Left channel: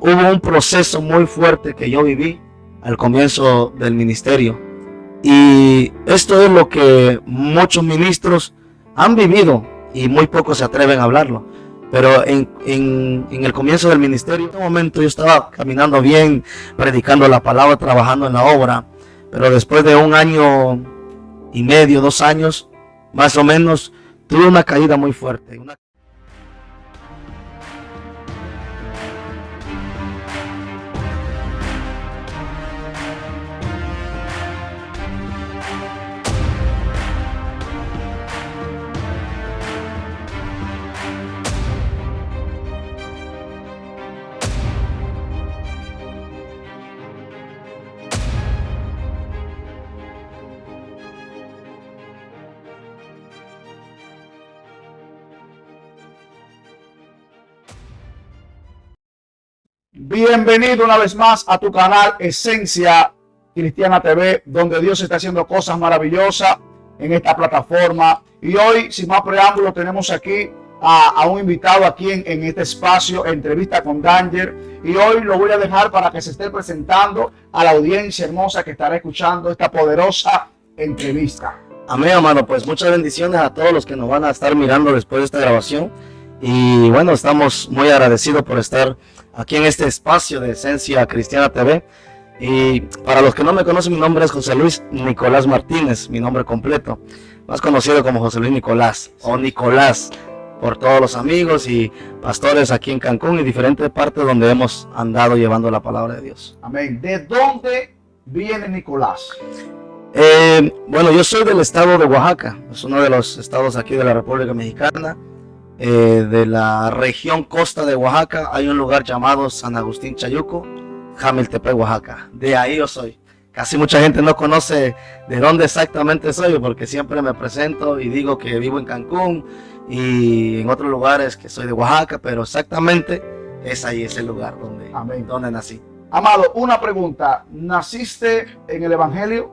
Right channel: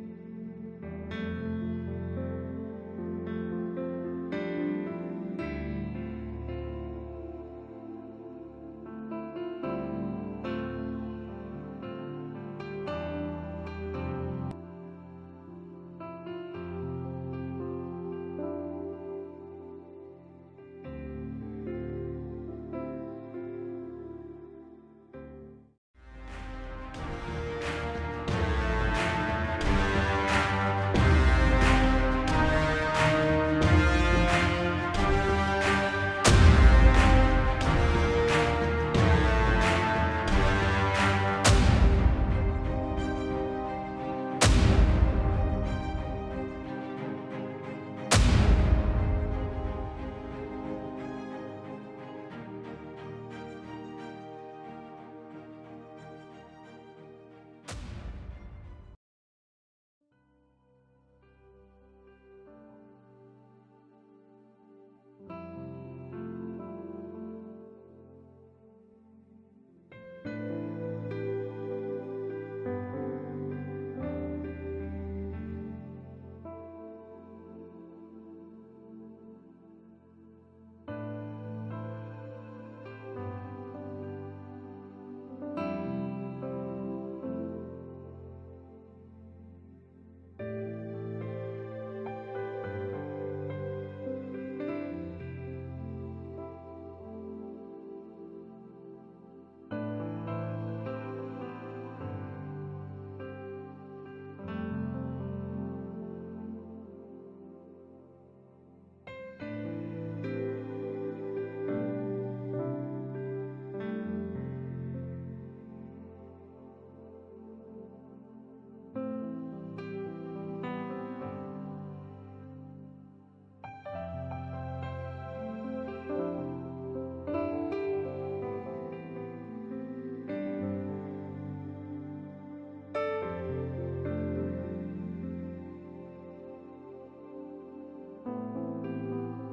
hubo un proceso muy fuerte que yo viví al comienzo del ministerio. Y esto es lo que muchos ministros han vivido y muy pocos se atreven a hablarlo. Pero en el comienzo del ministerio, en un momento yo estaba caminando bien, predicando la palabra, trabajando en la obra. Pero después de 1 año y medio, 2 años, más o menos, tuve una caída muy fuerte. Bienvenido una vez más a tu canal Esencia Cristiana TV, donde Dios está haciendo cosas maravillosas en esta plataforma. Y hoy, sin más preámbulo, tenemos aquí a un invitado aquí en este espacio, entrevista con Danger. Y hoy lo voy a dejar para que se esté presentando a la audiencia hermosa que estará escuchando esta poderosa entrevista. Amén, hermano. Pues muchas bendiciones a todos los que nos van a estar mirando después de esta grabación. Y bueno, estamos muy agradecidos por estar aquí en este espacio de Esencia Cristiana TV. Y para los que no me conocen, mi nombre es José Luis Nicolás Martínez, mi nombre completo, más conocido como José Luis Nicolás o Nicolás por todos los amigos y pastores aquí en Cancún y diferentes partes donde hemos andado llevando la palabra de Dios. Amén. ¿De dónde viene Nicolás? Bueno, yo soy del estado de Oaxaca, es uno de los estados aquí de la República Mexicana. De la región costa de Oaxaca hay un lugar llamado San Agustín Chayuco, Jamiltepec, Oaxaca. De ahí yo soy. Casi mucha gente no conoce de dónde exactamente soy, porque siempre me presento y digo que vivo en Cancún y en otros lugares que soy de Oaxaca, pero exactamente es ahí, ese lugar donde nací. Amado, una pregunta. ¿Naciste en el Evangelio?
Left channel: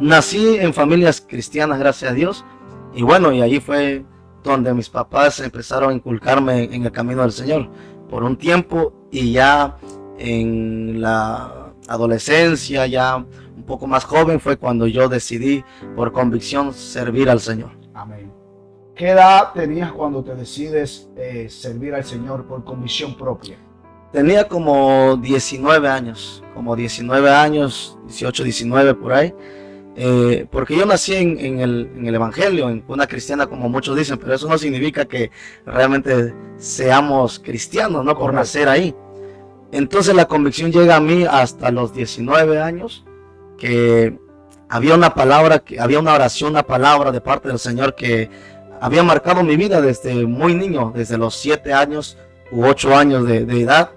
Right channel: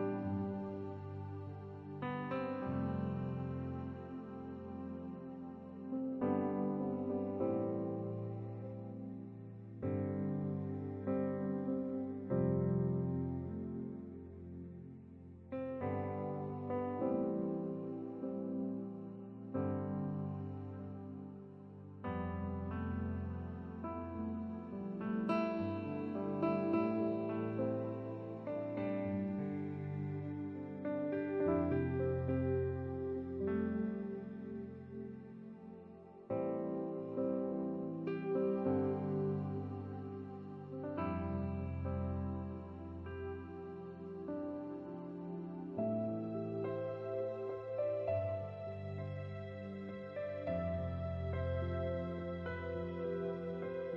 Nací en familias cristianas, gracias a Dios, y bueno, y allí fue donde mis papás empezaron a inculcarme en el camino del Señor por un tiempo, y ya en la adolescencia, ya un poco más joven, fue cuando yo decidí por convicción servir al Señor. Amén. ¿Qué edad tenías cuando te decides servir al Señor por convicción propia? Tenía como 19 años, 18, 19 por ahí. Porque yo nací en el Evangelio, en una cristiana como muchos dicen, pero eso no significa que realmente seamos cristianos, ¿no? Por nacer ahí. Entonces la convicción llega a mí hasta los 19 años, que había una palabra, había una oración, una palabra de parte del Señor que había marcado mi vida desde muy niño, desde los 7 años u 8 años de edad,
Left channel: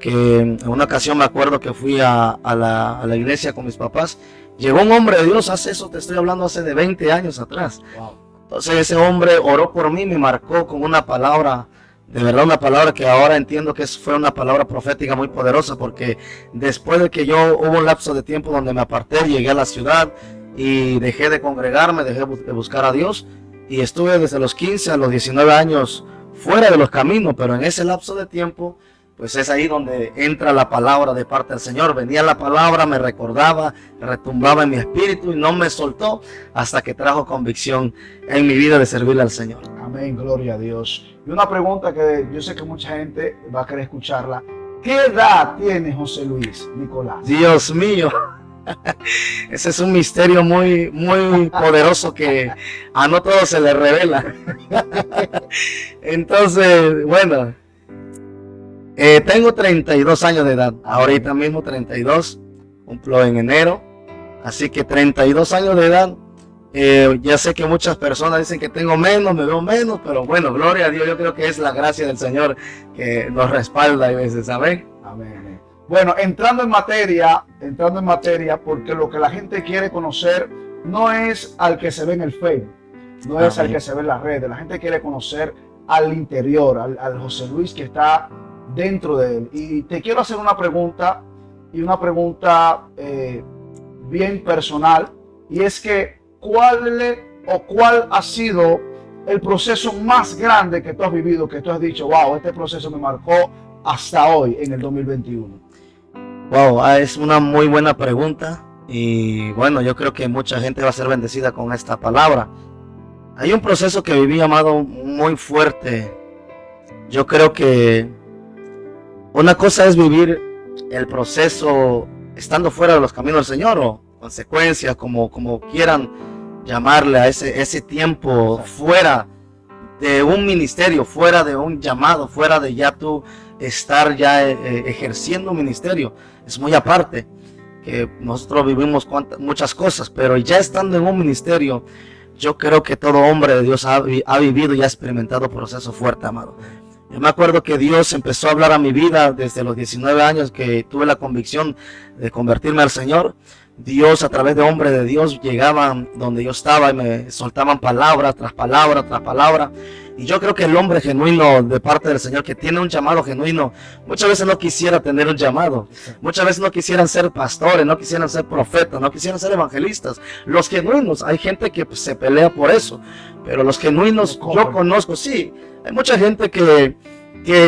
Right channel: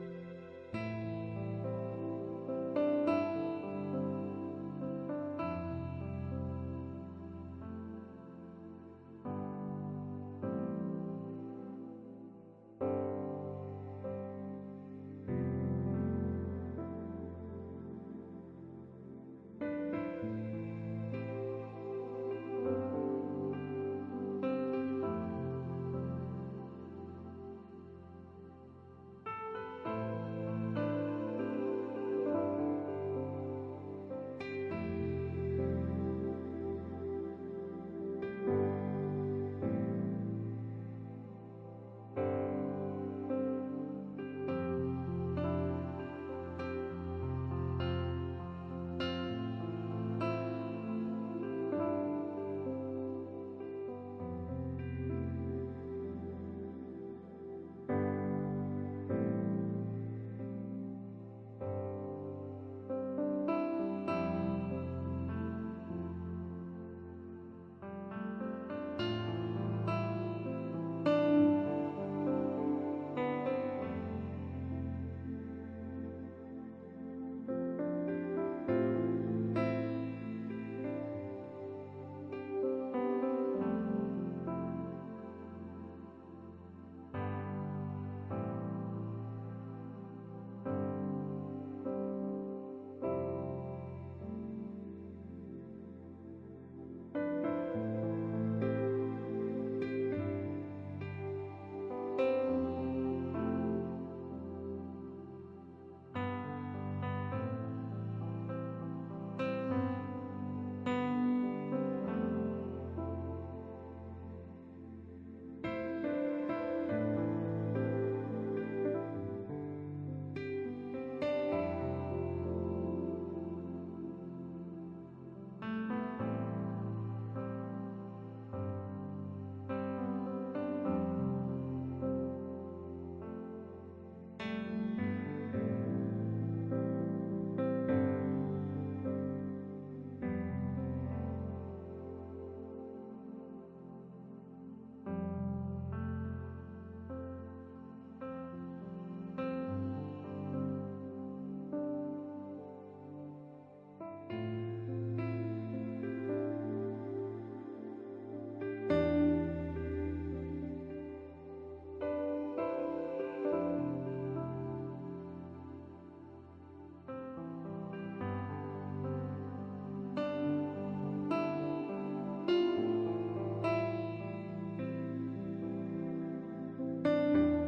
que en una ocasión me acuerdo que fui a la iglesia con mis papás. Llegó un hombre de Dios, te estoy hablando hace de 20 años atrás. Entonces ese hombre oró por mí, me marcó con una palabra, de verdad una palabra que ahora entiendo que fue una palabra profética muy poderosa, porque después de que hubo un lapso de tiempo donde me aparté, llegué a la ciudad y dejé de congregarme, dejé de buscar a Dios, y estuve desde los 15 a los 19 años fuera de los caminos, pero en ese lapso de tiempo, pues es ahí donde entra la palabra de parte del Señor. Venía la palabra, me recordaba, retumbaba en mi espíritu y no me soltó hasta que trajo convicción en mi vida de servirle al Señor. Amén, gloria a Dios. Y una pregunta que yo sé que mucha gente va a querer escucharla. ¿Qué edad tiene José Luis Nicolás? Dios mío, ese es un misterio muy, muy poderoso que a no todos se le revela. Entonces, bueno, tengo 32 años de edad, ahorita mismo 32, cumplo en enero, así que 32 años de edad. Ya sé que muchas personas dicen que tengo menos, me veo menos, pero bueno, gloria a Dios, yo creo que es la gracia del Señor que nos respalda a veces, ¿saben? Amén. Bueno, entrando en materia, porque lo que la gente quiere conocer no es al que se ve en el Facebook, no es al que se ve en las redes, la gente quiere conocer al interior, al José Luis que está dentro de él. Y te quiero hacer una pregunta, bien personal, y es que ¿cuál ha sido el proceso más grande que tú has vivido, que tú has dicho, wow, este proceso me marcó hasta hoy en el 2021? Wow, es una muy buena pregunta y bueno, yo creo que mucha gente va a ser bendecida con esta palabra. Hay un proceso que viví, amado, muy fuerte. Yo creo que una cosa es vivir el proceso estando fuera de los caminos del Señor o consecuencias, como quieran llamarle a ese tiempo fuera de un ministerio, fuera de un llamado, fuera de ya tú estar ya ejerciendo un ministerio. Es muy aparte, que nosotros vivimos muchas cosas, pero ya estando en un ministerio, yo creo que todo hombre de Dios ha vivido y ha experimentado proceso fuerte, amado. Yo me acuerdo que Dios empezó a hablar a mi vida desde los 19 años que tuve la convicción de convertirme al Señor. Dios, a través de hombres de Dios, llegaban donde yo estaba y me soltaban palabra tras palabra tras palabra. Y yo creo que el hombre genuino de parte del Señor, que tiene un llamado genuino, muchas veces no quisiera tener un llamado. Muchas veces no quisieran ser pastores, no quisieran ser profetas, no quisieran ser evangelistas. Los genuinos, hay gente que se pelea por eso. Pero los genuinos, yo conozco, sí, hay mucha gente que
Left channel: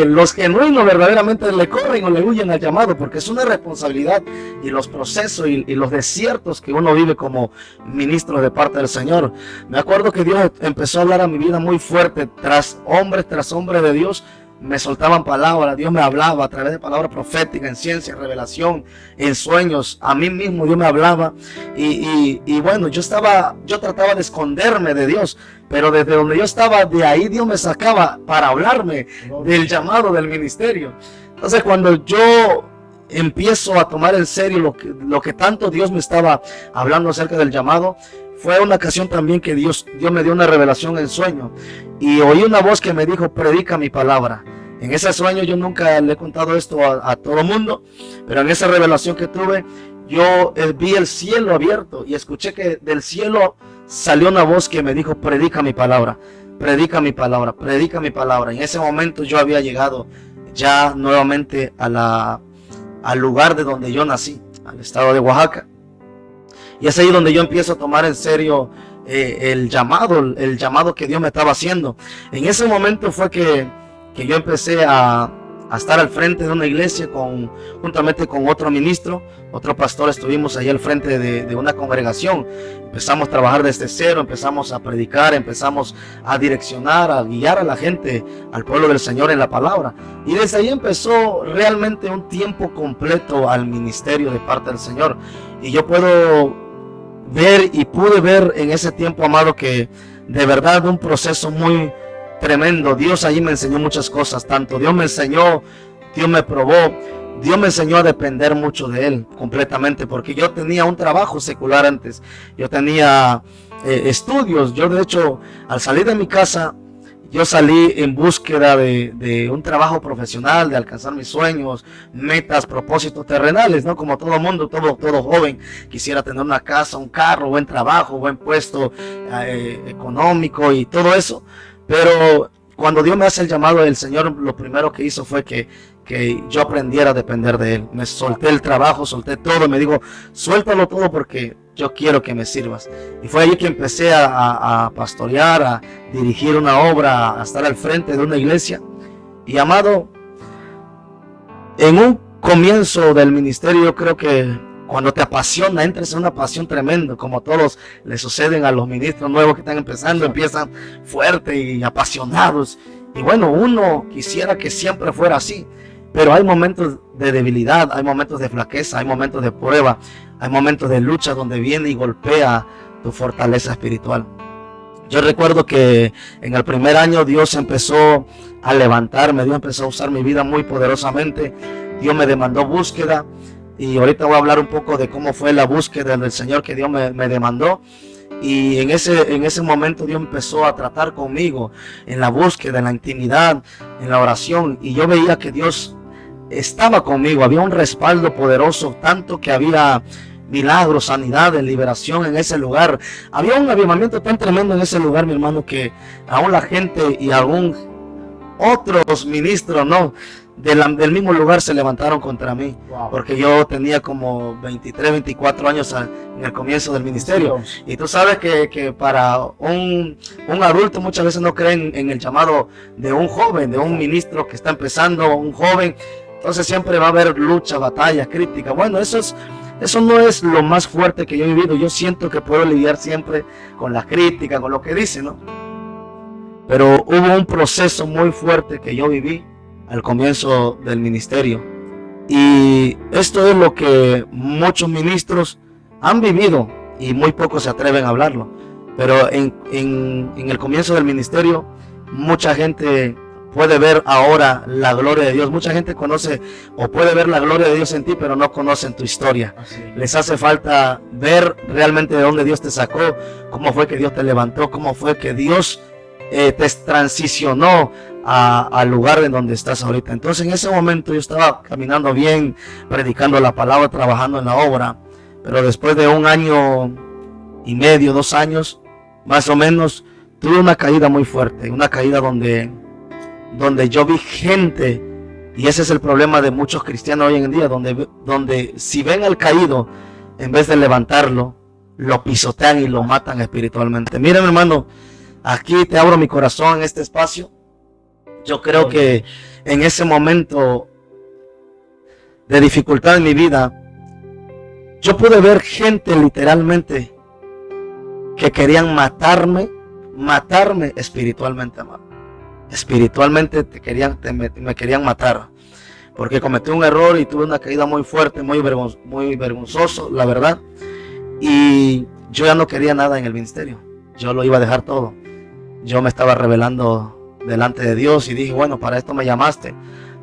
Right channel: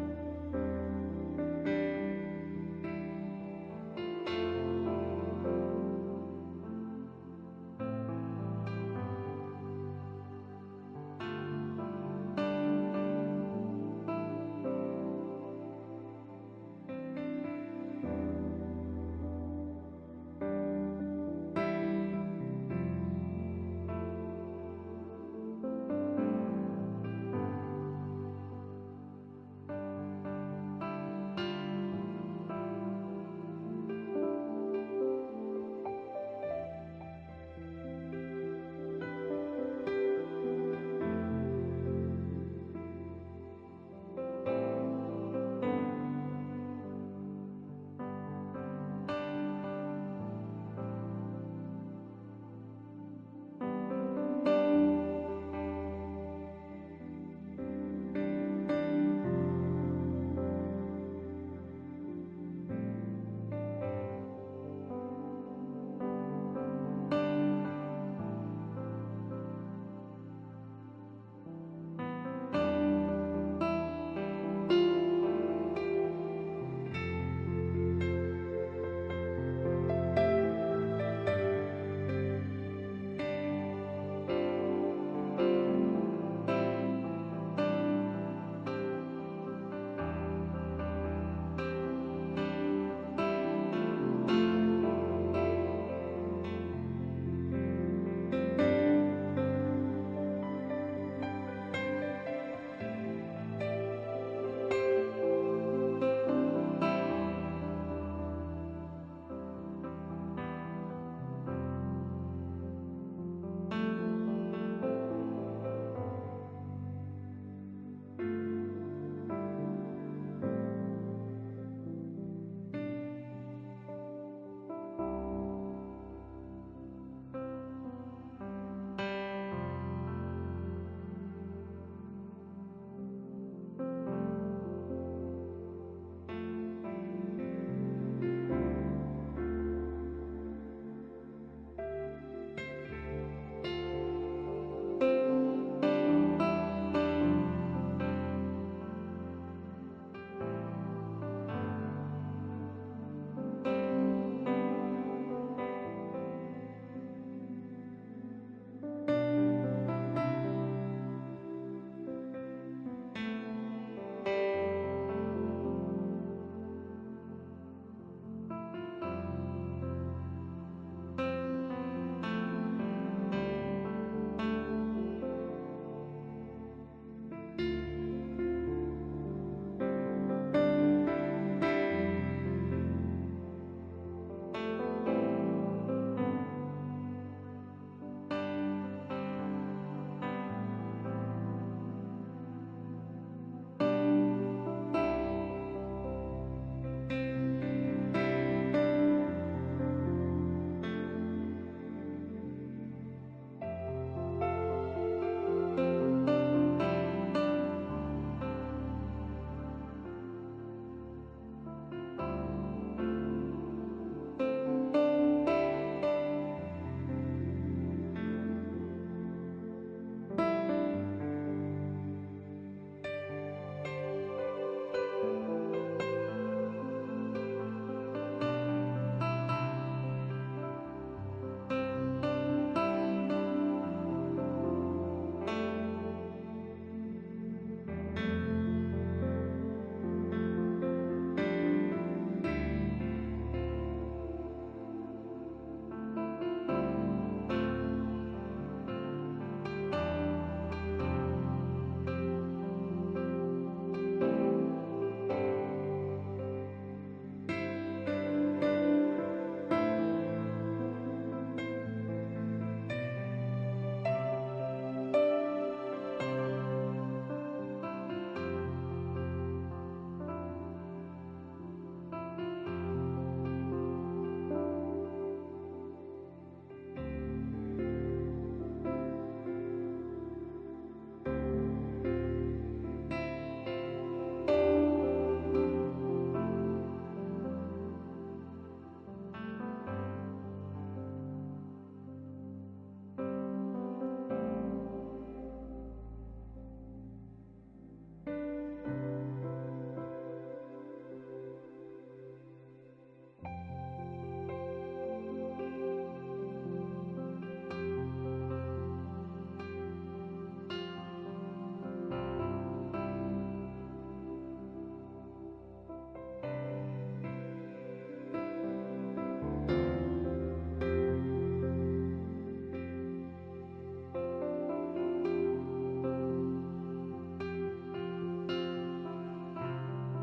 los genuinos verdaderamente le corren o le huyen al llamado, porque es una responsabilidad y los procesos y los desiertos que uno vive como ministro de parte del Señor. Me acuerdo que Dios empezó a hablar a mi vida muy fuerte, tras hombre de Dios me soltaban palabras, Dios me hablaba a través de palabras proféticas, en ciencia, revelación, en sueños, a mí mismo Dios me hablaba y bueno, yo trataba de esconderme de Dios, pero desde donde yo estaba, de ahí Dios me sacaba para hablarme del llamado del ministerio. Entonces cuando yo empiezo a tomar en serio lo que tanto Dios me estaba hablando acerca del llamado, fue una ocasión también que Dios me dio una revelación en sueño y oí una voz que me dijo: predica mi palabra. En ese sueño yo nunca le he contado esto a todo el mundo, pero en esa revelación que tuve, yo vi el cielo abierto y escuché que del cielo salió una voz que me dijo: predica mi palabra, predica mi palabra, predica mi palabra. En ese momento yo había llegado ya nuevamente al lugar de donde yo nací, al estado de Oaxaca. Y es ahí donde yo empiezo a tomar en serio el llamado que Dios me estaba haciendo. En ese momento fue que yo empecé a estar al frente de una iglesia juntamente con otro ministro, otro pastor. Estuvimos ahí al frente de una congregación. Empezamos a trabajar desde cero, empezamos a predicar, empezamos a direccionar, a guiar a la gente, al pueblo del Señor en la palabra. Y desde ahí empezó realmente un tiempo completo al ministerio de parte del Señor. Y yo puedo ver y pude ver en ese tiempo, amado, que de verdad un proceso muy tremendo. Dios allí me enseñó muchas cosas, tanto Dios me enseñó, Dios me probó, Dios me enseñó a depender mucho de Él completamente, porque yo tenía un trabajo secular antes, yo tenía estudios. Yo de hecho, al salir de mi casa, yo salí en búsqueda de un trabajo profesional, de alcanzar mis sueños, metas, propósitos terrenales, ¿no? Como todo mundo, todo joven quisiera tener una casa, un carro, buen trabajo, buen puesto económico y todo eso. Pero cuando Dios me hace el llamado del Señor, lo primero que hizo fue que yo aprendiera a depender de Él. Me solté el trabajo, solté todo, me dijo: suéltalo todo porque yo quiero que me sirvas. Y fue allí que empecé a pastorear, a dirigir una obra, a estar al frente de una iglesia. Y amado, en un comienzo del ministerio, yo creo que cuando te apasiona, entras en una pasión tremenda, como a todos les suceden a los ministros nuevos que están empezando, empiezan fuertes y apasionados. Y bueno, uno quisiera que siempre fuera así, pero hay momentos de debilidad, hay momentos de flaqueza, hay momentos de prueba, hay momentos de lucha donde viene y golpea tu fortaleza espiritual. Yo recuerdo que en el primer año Dios empezó a levantarme, Dios empezó a usar mi vida muy poderosamente. Dios me demandó búsqueda y ahorita voy a hablar un poco de cómo fue la búsqueda del Señor que Dios me demandó. Y en ese momento Dios empezó a tratar conmigo en la búsqueda, en la intimidad, en la oración, y yo veía que Dios estaba conmigo. Había un respaldo poderoso, tanto que había milagros, sanidades, liberación en ese lugar. Había un avivamiento tan tremendo en ese lugar, mi hermano, que aún la gente y aún otros ministros, ¿no?, del mismo lugar se levantaron contra mí, Wow. porque yo tenía como 23, 24 años en el comienzo del ministerio. Y tú sabes que para un adulto muchas veces no creen en el llamado de un joven, de un ministro que está empezando, un joven. Entonces siempre va a haber lucha, batalla, crítica. Bueno, eso no es lo más fuerte que yo he vivido. Yo siento que puedo lidiar siempre con la crítica, con lo que dicen, ¿no? Pero hubo un proceso muy fuerte que yo viví al comienzo del ministerio. Y esto es lo que muchos ministros han vivido y muy pocos se atreven a hablarlo. Pero en el comienzo del ministerio, mucha gente puede ver ahora la gloria de Dios. Mucha gente conoce o puede ver la gloria de Dios en ti, pero no conocen tu historia. Les hace falta ver realmente de dónde Dios te sacó, cómo fue que Dios te levantó, cómo fue que Dios te transicionó al lugar en donde estás ahorita. Entonces en ese momento yo estaba caminando bien, predicando la palabra, trabajando en la obra, pero después de 1 año y medio, 2 años más o menos, tuve una caída muy fuerte, una caída donde yo vi gente, y ese es el problema de muchos cristianos hoy en día, donde si ven al caído, en vez de levantarlo, lo pisotean y lo matan espiritualmente. Mira, mi hermano, aquí te abro mi corazón en este espacio. Yo creo que en ese momento de dificultad en mi vida, yo pude ver gente literalmente que querían matarme espiritualmente, amado. Espiritualmente me querían matar, porque cometí un error y tuve una caída muy fuerte, muy vergonzoso, la verdad. Y yo ya no quería nada en el ministerio, yo lo iba a dejar todo. Yo me estaba rebelando delante de Dios y dije, bueno, para esto me llamaste,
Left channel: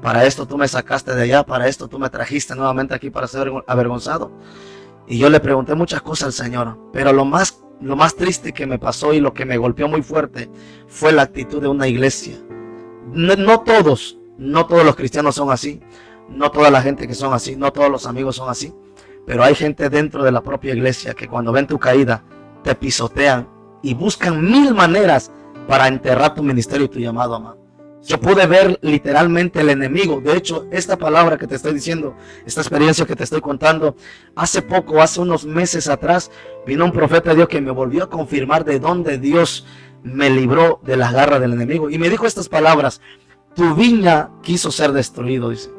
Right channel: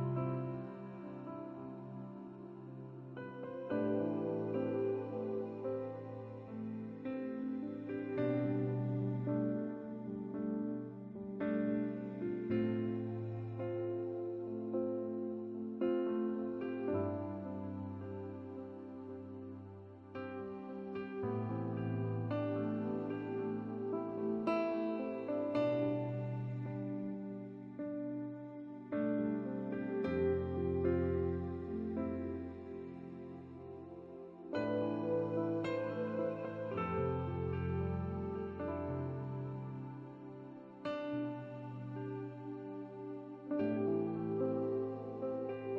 para esto tú me sacaste de allá, para esto tú me trajiste nuevamente aquí para ser avergonzado. Y yo le pregunté muchas cosas al Señor, pero lo más triste que me pasó y lo que me golpeó muy fuerte fue la actitud de una iglesia. No todos los cristianos son así, no toda la gente que son así, no todos los amigos son así, pero hay gente dentro de la propia iglesia que cuando ven tu caída te pisotean y buscan 1000 maneras para enterrar tu ministerio y tu llamado, amado. Yo pude ver literalmente el enemigo. De hecho, esta palabra que te estoy diciendo, esta experiencia que te estoy contando, hace unos meses atrás, vino un profeta de Dios que me volvió a confirmar de dónde Dios me libró de las garras del enemigo. Y me dijo estas palabras: tu viña quiso ser destruido, dice.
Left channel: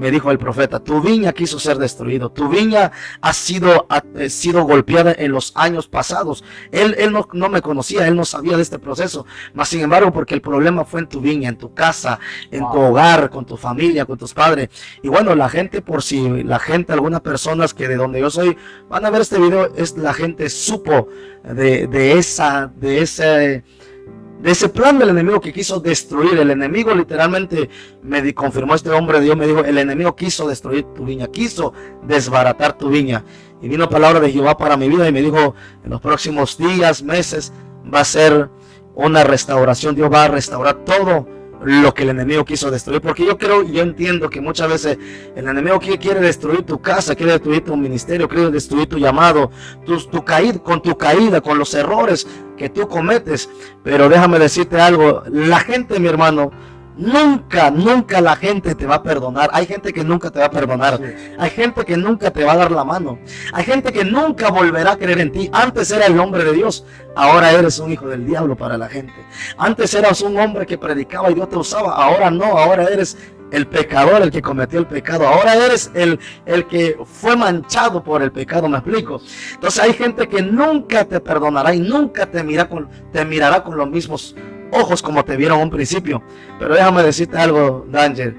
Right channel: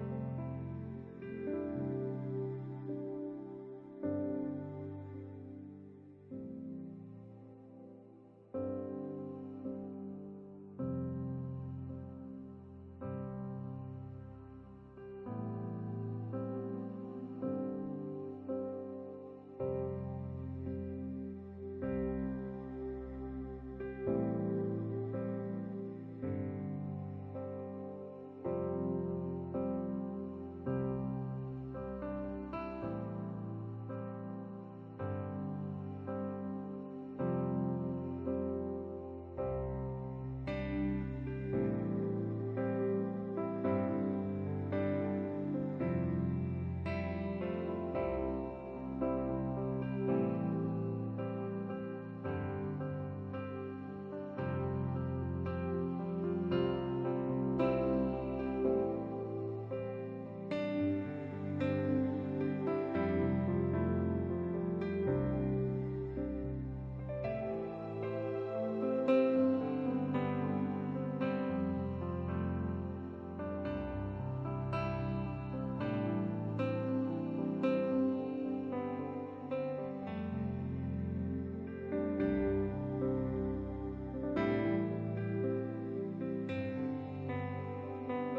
Me dijo el profeta, tu viña quiso ser destruido, tu viña ha sido golpeada en los años pasados. Él no me conocía, él no sabía de este proceso, mas sin embargo, porque el problema fue en tu viña, en tu casa, en tu hogar, con tu familia, con tus padres. Y bueno, la gente, algunas personas que de donde yo soy van a ver este video, la gente supo de ese plan del enemigo que quiso destruir. El enemigo literalmente me confirmó, este hombre de Dios me dijo, el enemigo quiso destruir tu viña, quiso desbaratar tu viña. Y vino palabra de Jehová para mi vida y me dijo, en los próximos días, meses, va a ser una restauración. Dios va a restaurar todo lo que el enemigo quiso destruir, porque yo entiendo que muchas veces el enemigo quiere destruir tu casa, quiere destruir tu ministerio, quiere destruir tu llamado, tu caída, con los errores que tú cometes. Pero déjame decirte algo, la gente, mi hermano, nunca la gente te va a perdonar. Hay gente que nunca te va a perdonar, hay gente que nunca te va a dar la mano, hay gente que nunca volverá a creer en ti. Antes era el hombre de Dios, ahora eres un hijo del diablo para la gente. Antes eras un hombre que predicaba y Dios te usaba, ahora no, ahora eres el pecador, el que cometió el pecado. Ahora eres el que fue manchado por el pecado, ¿me explico? Entonces hay gente que nunca te perdonará y nunca te mirará con los mismos ojos como te vieron a un principio. Pero déjame decirte algo, Danger.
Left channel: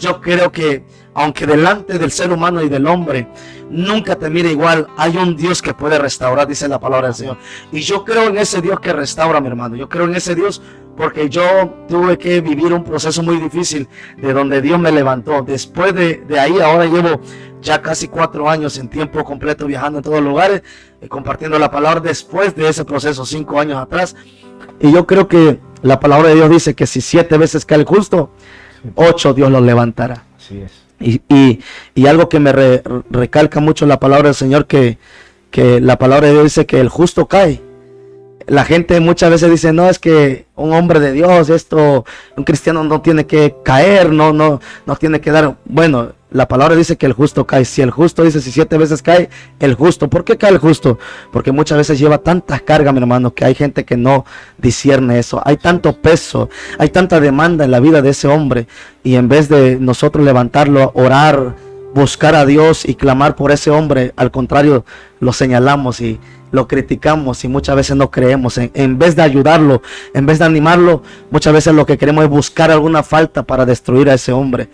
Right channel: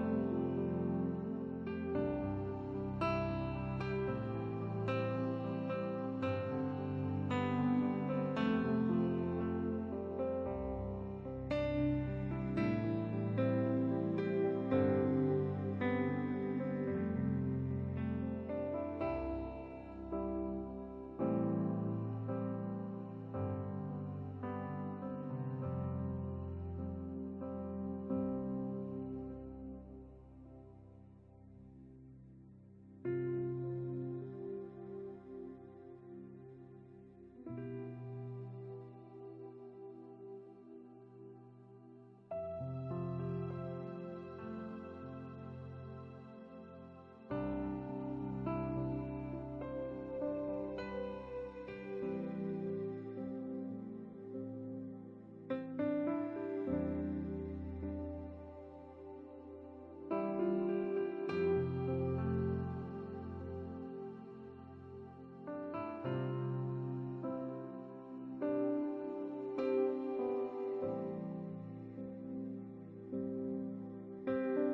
Yo creo que aunque delante del ser humano y del hombre nunca te mire igual, hay un Dios que puede restaurar, dice la palabra del Señor. Y yo creo en ese Dios que restaura, mi hermano. Yo creo en ese Dios porque yo tuve que vivir un proceso muy difícil de donde Dios me levantó. Después de ahí, ahora llevo ya casi 4 años en tiempo completo viajando en todos lugares, compartiendo la palabra. Después de ese proceso, 5 años atrás, y yo creo que la palabra de Dios dice que si 7 veces cae el justo, 8 Dios lo levantará. Así es. Y algo que me recalca mucho la palabra del Señor, que la palabra de Dios dice que el justo cae, La gente muchas veces dice, no, es que un hombre de Dios, un cristiano no tiene que caer, no tiene que dar. Bueno, la palabra dice que el justo cae. Si el justo dice, si 7 veces cae, el justo. ¿Por qué cae el justo? Porque muchas veces lleva tanta carga, mi hermano, que hay gente que no discierne eso. Hay tanto peso, hay tanta demanda en la vida de ese hombre. Y en vez de nosotros levantarlo, orar, buscar a Dios y clamar por ese hombre, al contrario, lo señalamos y lo criticamos y muchas veces no creemos. En vez de ayudarlo, en vez de animarlo, muchas veces lo que queremos es buscar alguna falta para destruir a ese hombre.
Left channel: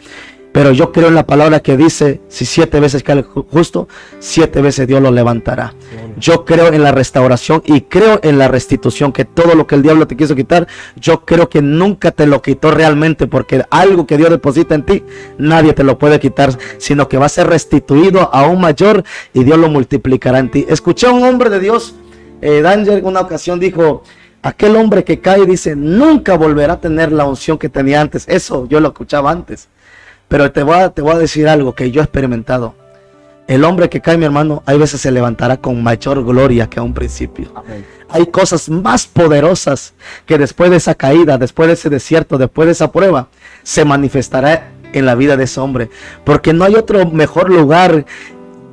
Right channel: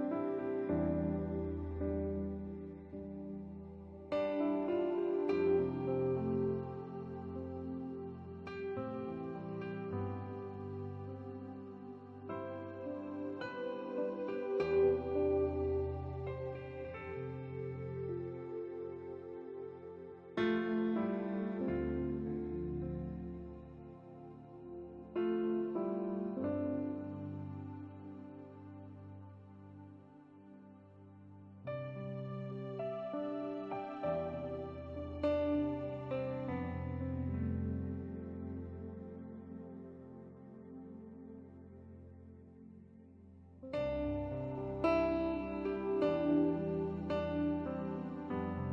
Pero yo creo en la palabra que dice, si 7 veces cae el justo, 7 veces Dios lo levantará. Yo creo en la restauración y creo en la restitución, que todo lo que el diablo te quiso quitar, yo creo que nunca te lo quitó realmente, porque algo que Dios deposita en ti, nadie te lo puede quitar, sino que va a ser restituido aún mayor y Dios lo multiplicará en ti. Escuché a un hombre de Dios, Danger, en una ocasión dijo, aquel hombre que cae, dice, nunca volverá a tener la unción que tenía antes. Eso yo lo escuchaba antes. Pero te voy a decir algo que yo he experimentado. El hombre que cae, mi hermano, hay veces se levantará con mayor gloria que a un principio. Amén. Hay cosas más poderosas que después de esa caída, después de ese desierto, después de esa prueba, se manifestará en la vida de ese hombre. Porque no hay otro mejor lugar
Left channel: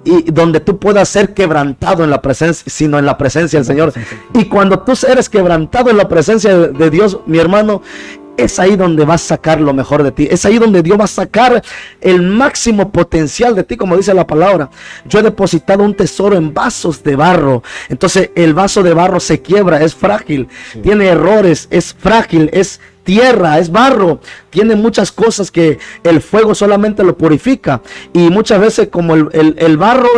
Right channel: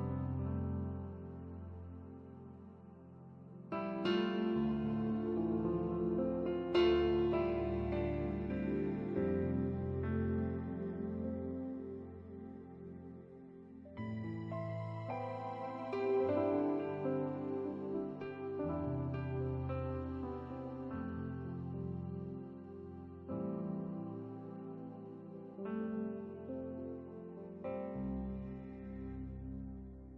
y donde tú puedas ser quebrantado en la presencia, sino en la presencia del Señor. Y cuando tú eres quebrantado en la presencia de Dios, mi hermano, es ahí donde vas a sacar lo mejor de ti. Es ahí donde Dios va a sacar el máximo potencial de ti, como dice la palabra. Yo he depositado un tesoro en vasos de barro. Entonces el vaso de barro se quiebra, es frágil, sí, tiene errores, es frágil, es tierra, es barro, tiene muchas cosas que el fuego solamente lo purifica. Y muchas veces como el barro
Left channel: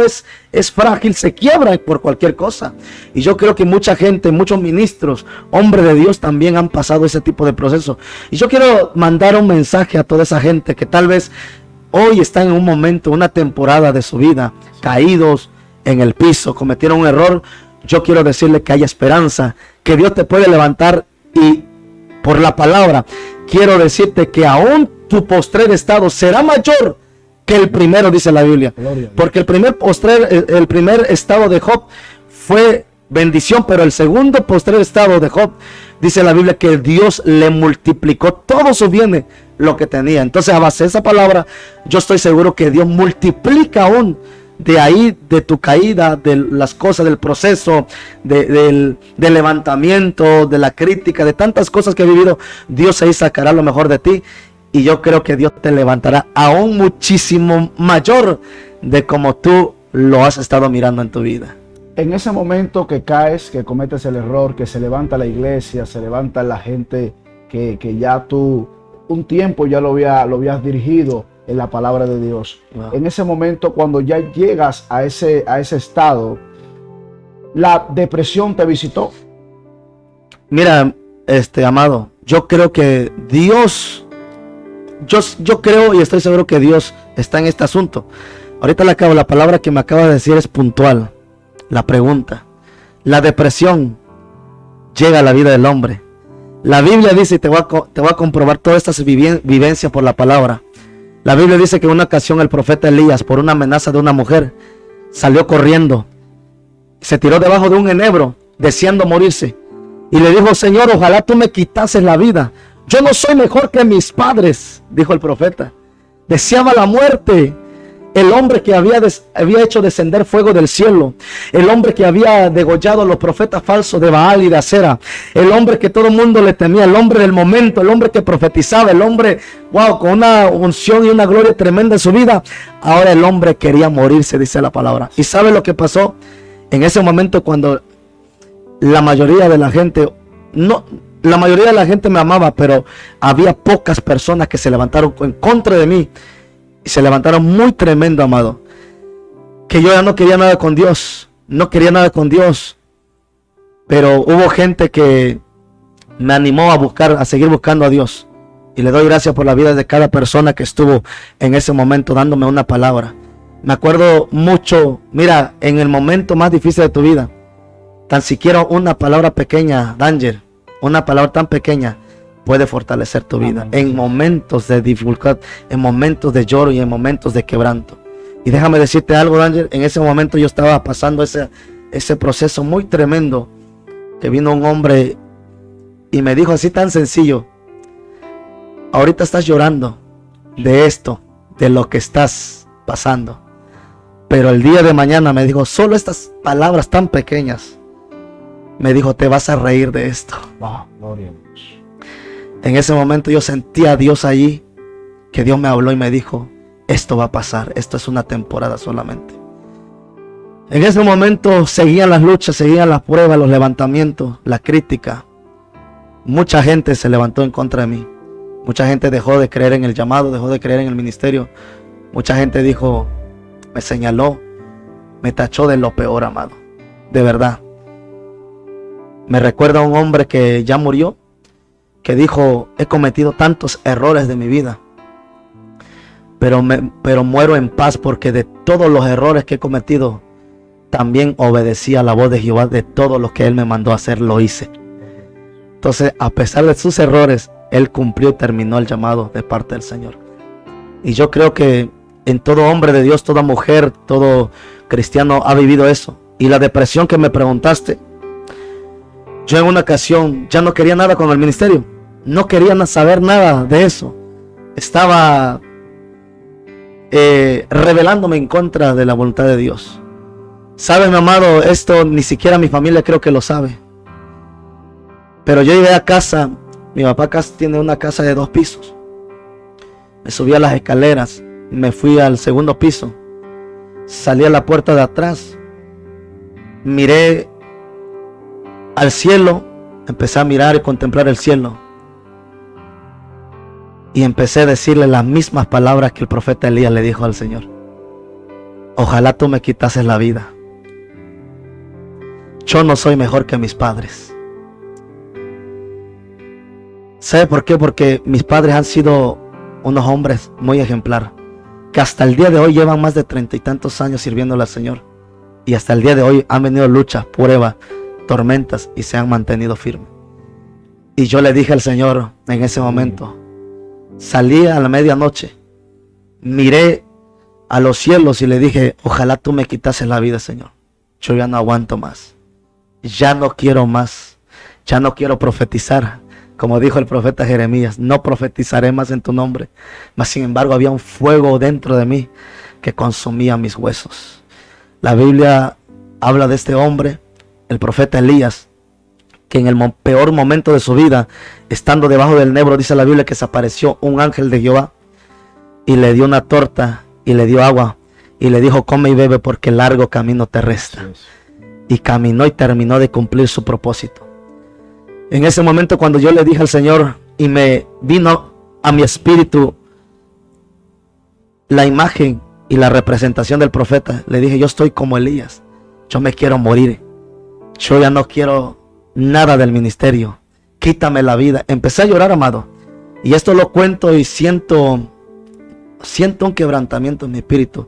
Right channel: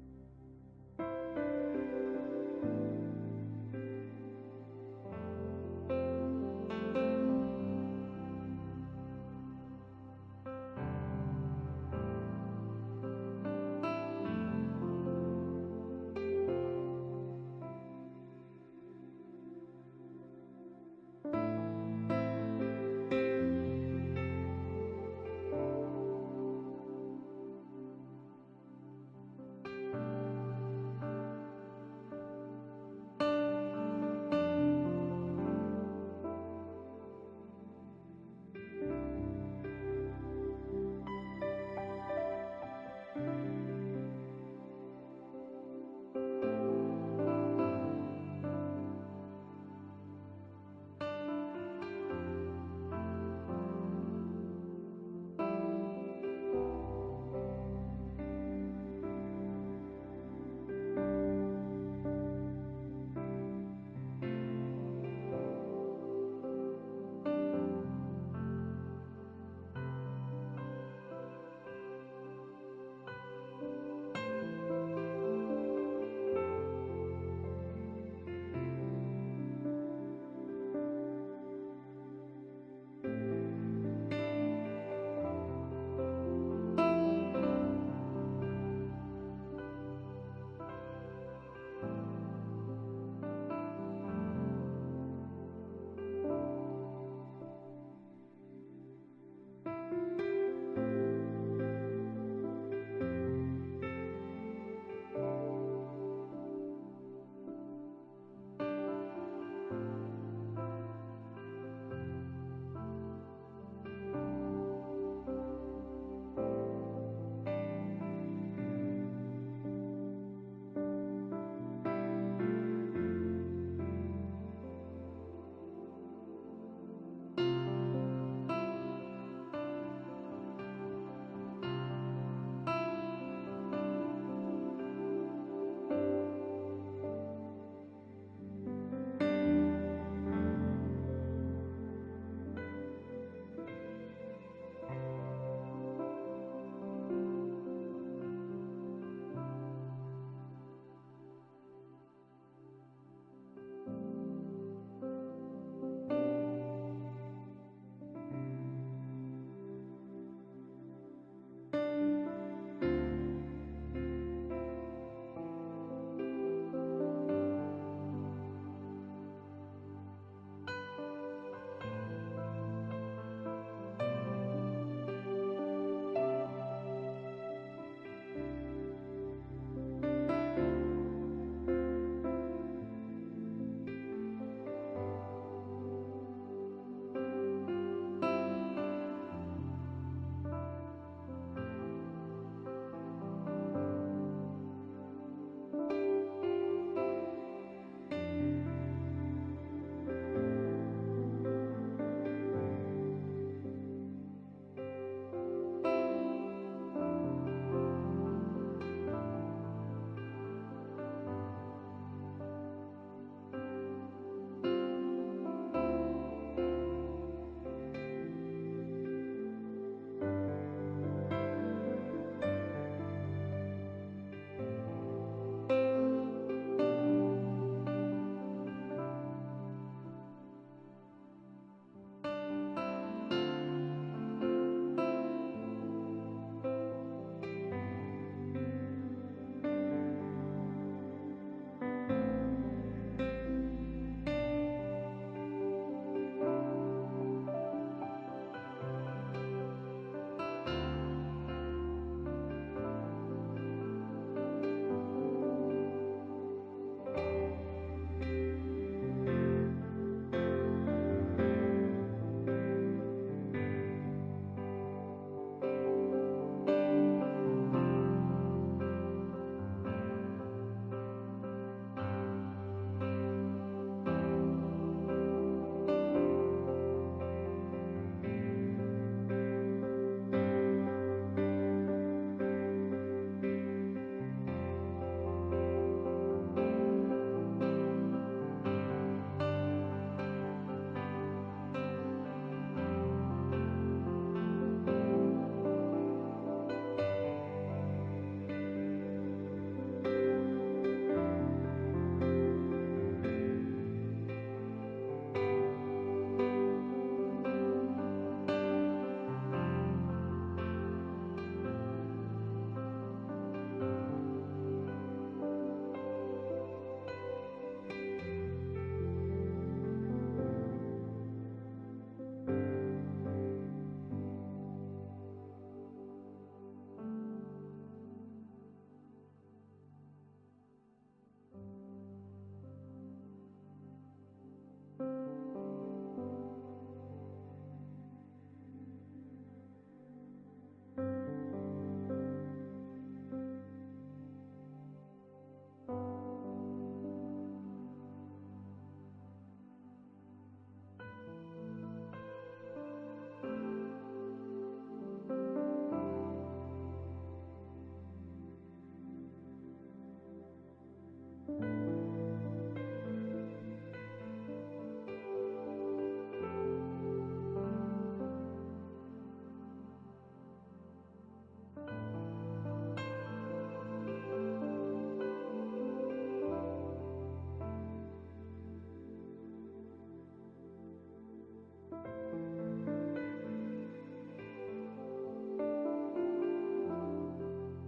es frágil, se quiebra por cualquier cosa. Y yo creo que mucha gente, muchos ministros, hombres de Dios también han pasado ese tipo de proceso. Y yo quiero mandar un mensaje a toda esa gente que tal vez hoy está en un momento, una temporada de su vida, caídos en el piso, cometieron un error. Yo quiero decirle que hay esperanza, que Dios te puede levantar. Y por la palabra quiero decirte que aún tu postrer estado será mayor que el primero, dice la Biblia. Porque el primer estado de Job fue bendición, pero el segundo postrer estado de Job, dice la Biblia, que Dios le multiplicó todos sus bienes, lo que tenía. Entonces, a base de esa palabra, yo estoy seguro que Dios multiplica aún de ahí, de tu caída, de las cosas, del proceso, del levantamiento, de la crítica, de tantas cosas que he vivido. Dios ahí sacará lo mejor de ti. Y yo creo que Dios te levantará aún muchísimo mayor de como tú lo has estado mirando en tu vida. En ese momento que caes, que cometes el error, que se levanta la iglesia, se levanta la gente que ya tú un tiempo ya lo habías dirigido en la palabra de Dios. Wow. En ese momento, cuando ya llegas a ese estado, la depresión te visitó. Mira, amado, yo creo que Dios, yo creo y estoy seguro que Dios está en este asunto. Ahorita la palabra que me acaba de decir es puntual. La pregunta, la depresión llega a la vida del hombre. La Biblia dice, y te voy a comprobar todas estas vivencias por la palabra. La Biblia dice que en una ocasión el profeta Elías, por una amenaza de una mujer, salió corriendo, se tiró debajo de un enebro, deseando morirse, y le dijo: Señor, ojalá tú me quitases la vida. Yo no soy mejor que mis padres, dijo el profeta. Deseaba la muerte. El hombre que había hecho descender fuego del cielo, el hombre que había degollado a los profetas falsos de Baal y de Acera, el hombre que todo el mundo le temía, el hombre del momento, el hombre que profetizaba, el hombre, wow, con una unción y una gloria tremenda en su vida. Ahora el hombre quería morirse, dice la palabra. ¿Y sabe lo que pasó? En ese momento, cuando la mayoría de la gente, la mayoría de la gente me amaba, pero había pocas personas que se levantaron en contra de mí. Y se levantaron muy tremendo, amado, que yo ya no quería nada con Dios, no quería nada con Dios, pero hubo gente que me animó a seguir buscando a Dios, y le doy gracias por la vida de cada persona que estuvo en ese momento dándome una palabra. Me acuerdo mucho, mira, en el momento más difícil de tu vida, tan siquiera una palabra pequeña, Danger, una palabra tan pequeña puede fortalecer tu vida en momentos de dificultad, en momentos de lloro y en momentos de quebranto. Y déjame decirte algo, Danger, en ese momento yo estaba pasando ese proceso muy tremendo, que vino un hombre y me dijo así tan sencillo: ahorita estás llorando de esto, de lo que estás pasando, pero el día de mañana, me dijo, solo estas palabras tan pequeñas, me dijo, te vas a reír de esto. Wow, gloria a Dios. En ese momento yo sentí a Dios allí, que Dios me habló y me dijo, esto va a pasar, esto es una temporada solamente. En ese momento seguían las luchas, seguían las pruebas, los levantamientos, la crítica. Mucha gente se levantó en contra de mí. Mucha gente dejó de creer en el llamado, dejó de creer en el ministerio. Mucha gente dijo, me señaló, me tachó de lo peor, amado. De verdad. Me recuerda a un hombre que ya murió, que dijo, he cometido tantos errores de mi vida, pero muero en paz, porque de todos los errores que he cometido, también obedecí a la voz de Jehová. De todo lo que Él me mandó a hacer, lo hice. Entonces, a pesar de sus errores, Él cumplió y terminó el llamado de parte del Señor. Y yo creo que en todo hombre de Dios, toda mujer, todo cristiano ha vivido eso. Y la depresión que me preguntaste, yo en una ocasión ya no quería nada con el ministerio. No quería saber nada de eso. Estaba rebelándome en contra de la voluntad de Dios. ¿Sabes, mi amado? Esto ni siquiera mi familia creo que lo sabe. Pero yo llegué a casa. Mi papá tiene una casa de 2 pisos. Me subí a las escaleras, me fui al segundo piso, salí a la puerta de atrás, miré al cielo, empecé a mirar y contemplar el cielo, y empecé a decirle las mismas palabras que el profeta Elías le dijo al Señor: ojalá tú me quitases la vida. Yo no soy mejor que mis padres. ¿Sabe por qué? Porque mis padres han sido unos hombres muy ejemplares, que hasta el día de hoy llevan más de 30 y tantos años sirviéndole al Señor, y hasta el día de hoy han venido luchas, pruebas, tormentas, y se han mantenido firmes. Y yo le dije al Señor en ese momento, salí a la medianoche, miré a los cielos y le dije: ojalá tú me quitases la vida, Señor. Yo ya no aguanto más, ya no quiero más, ya no quiero profetizar. Como dijo el profeta Jeremías, no profetizaré más en tu nombre. Mas sin embargo había un fuego dentro de mí que consumía mis huesos. La Biblia habla de este hombre, el profeta Elías, que en el peor momento de su vida, estando debajo del Nebro, dice la Biblia que se apareció un ángel de Jehová y le dio una torta y le dio agua y le dijo: come y bebe, porque largo camino te resta. Y caminó y terminó de cumplir su propósito. En ese momento, cuando yo le dije al Señor y me vino a mi espíritu la imagen y la representación del profeta, le dije: yo estoy como Elías, yo me quiero morir, yo ya no quiero nada del ministerio, quítame la vida. Empecé a llorar, amado, y esto lo cuento y siento un quebrantamiento en mi espíritu,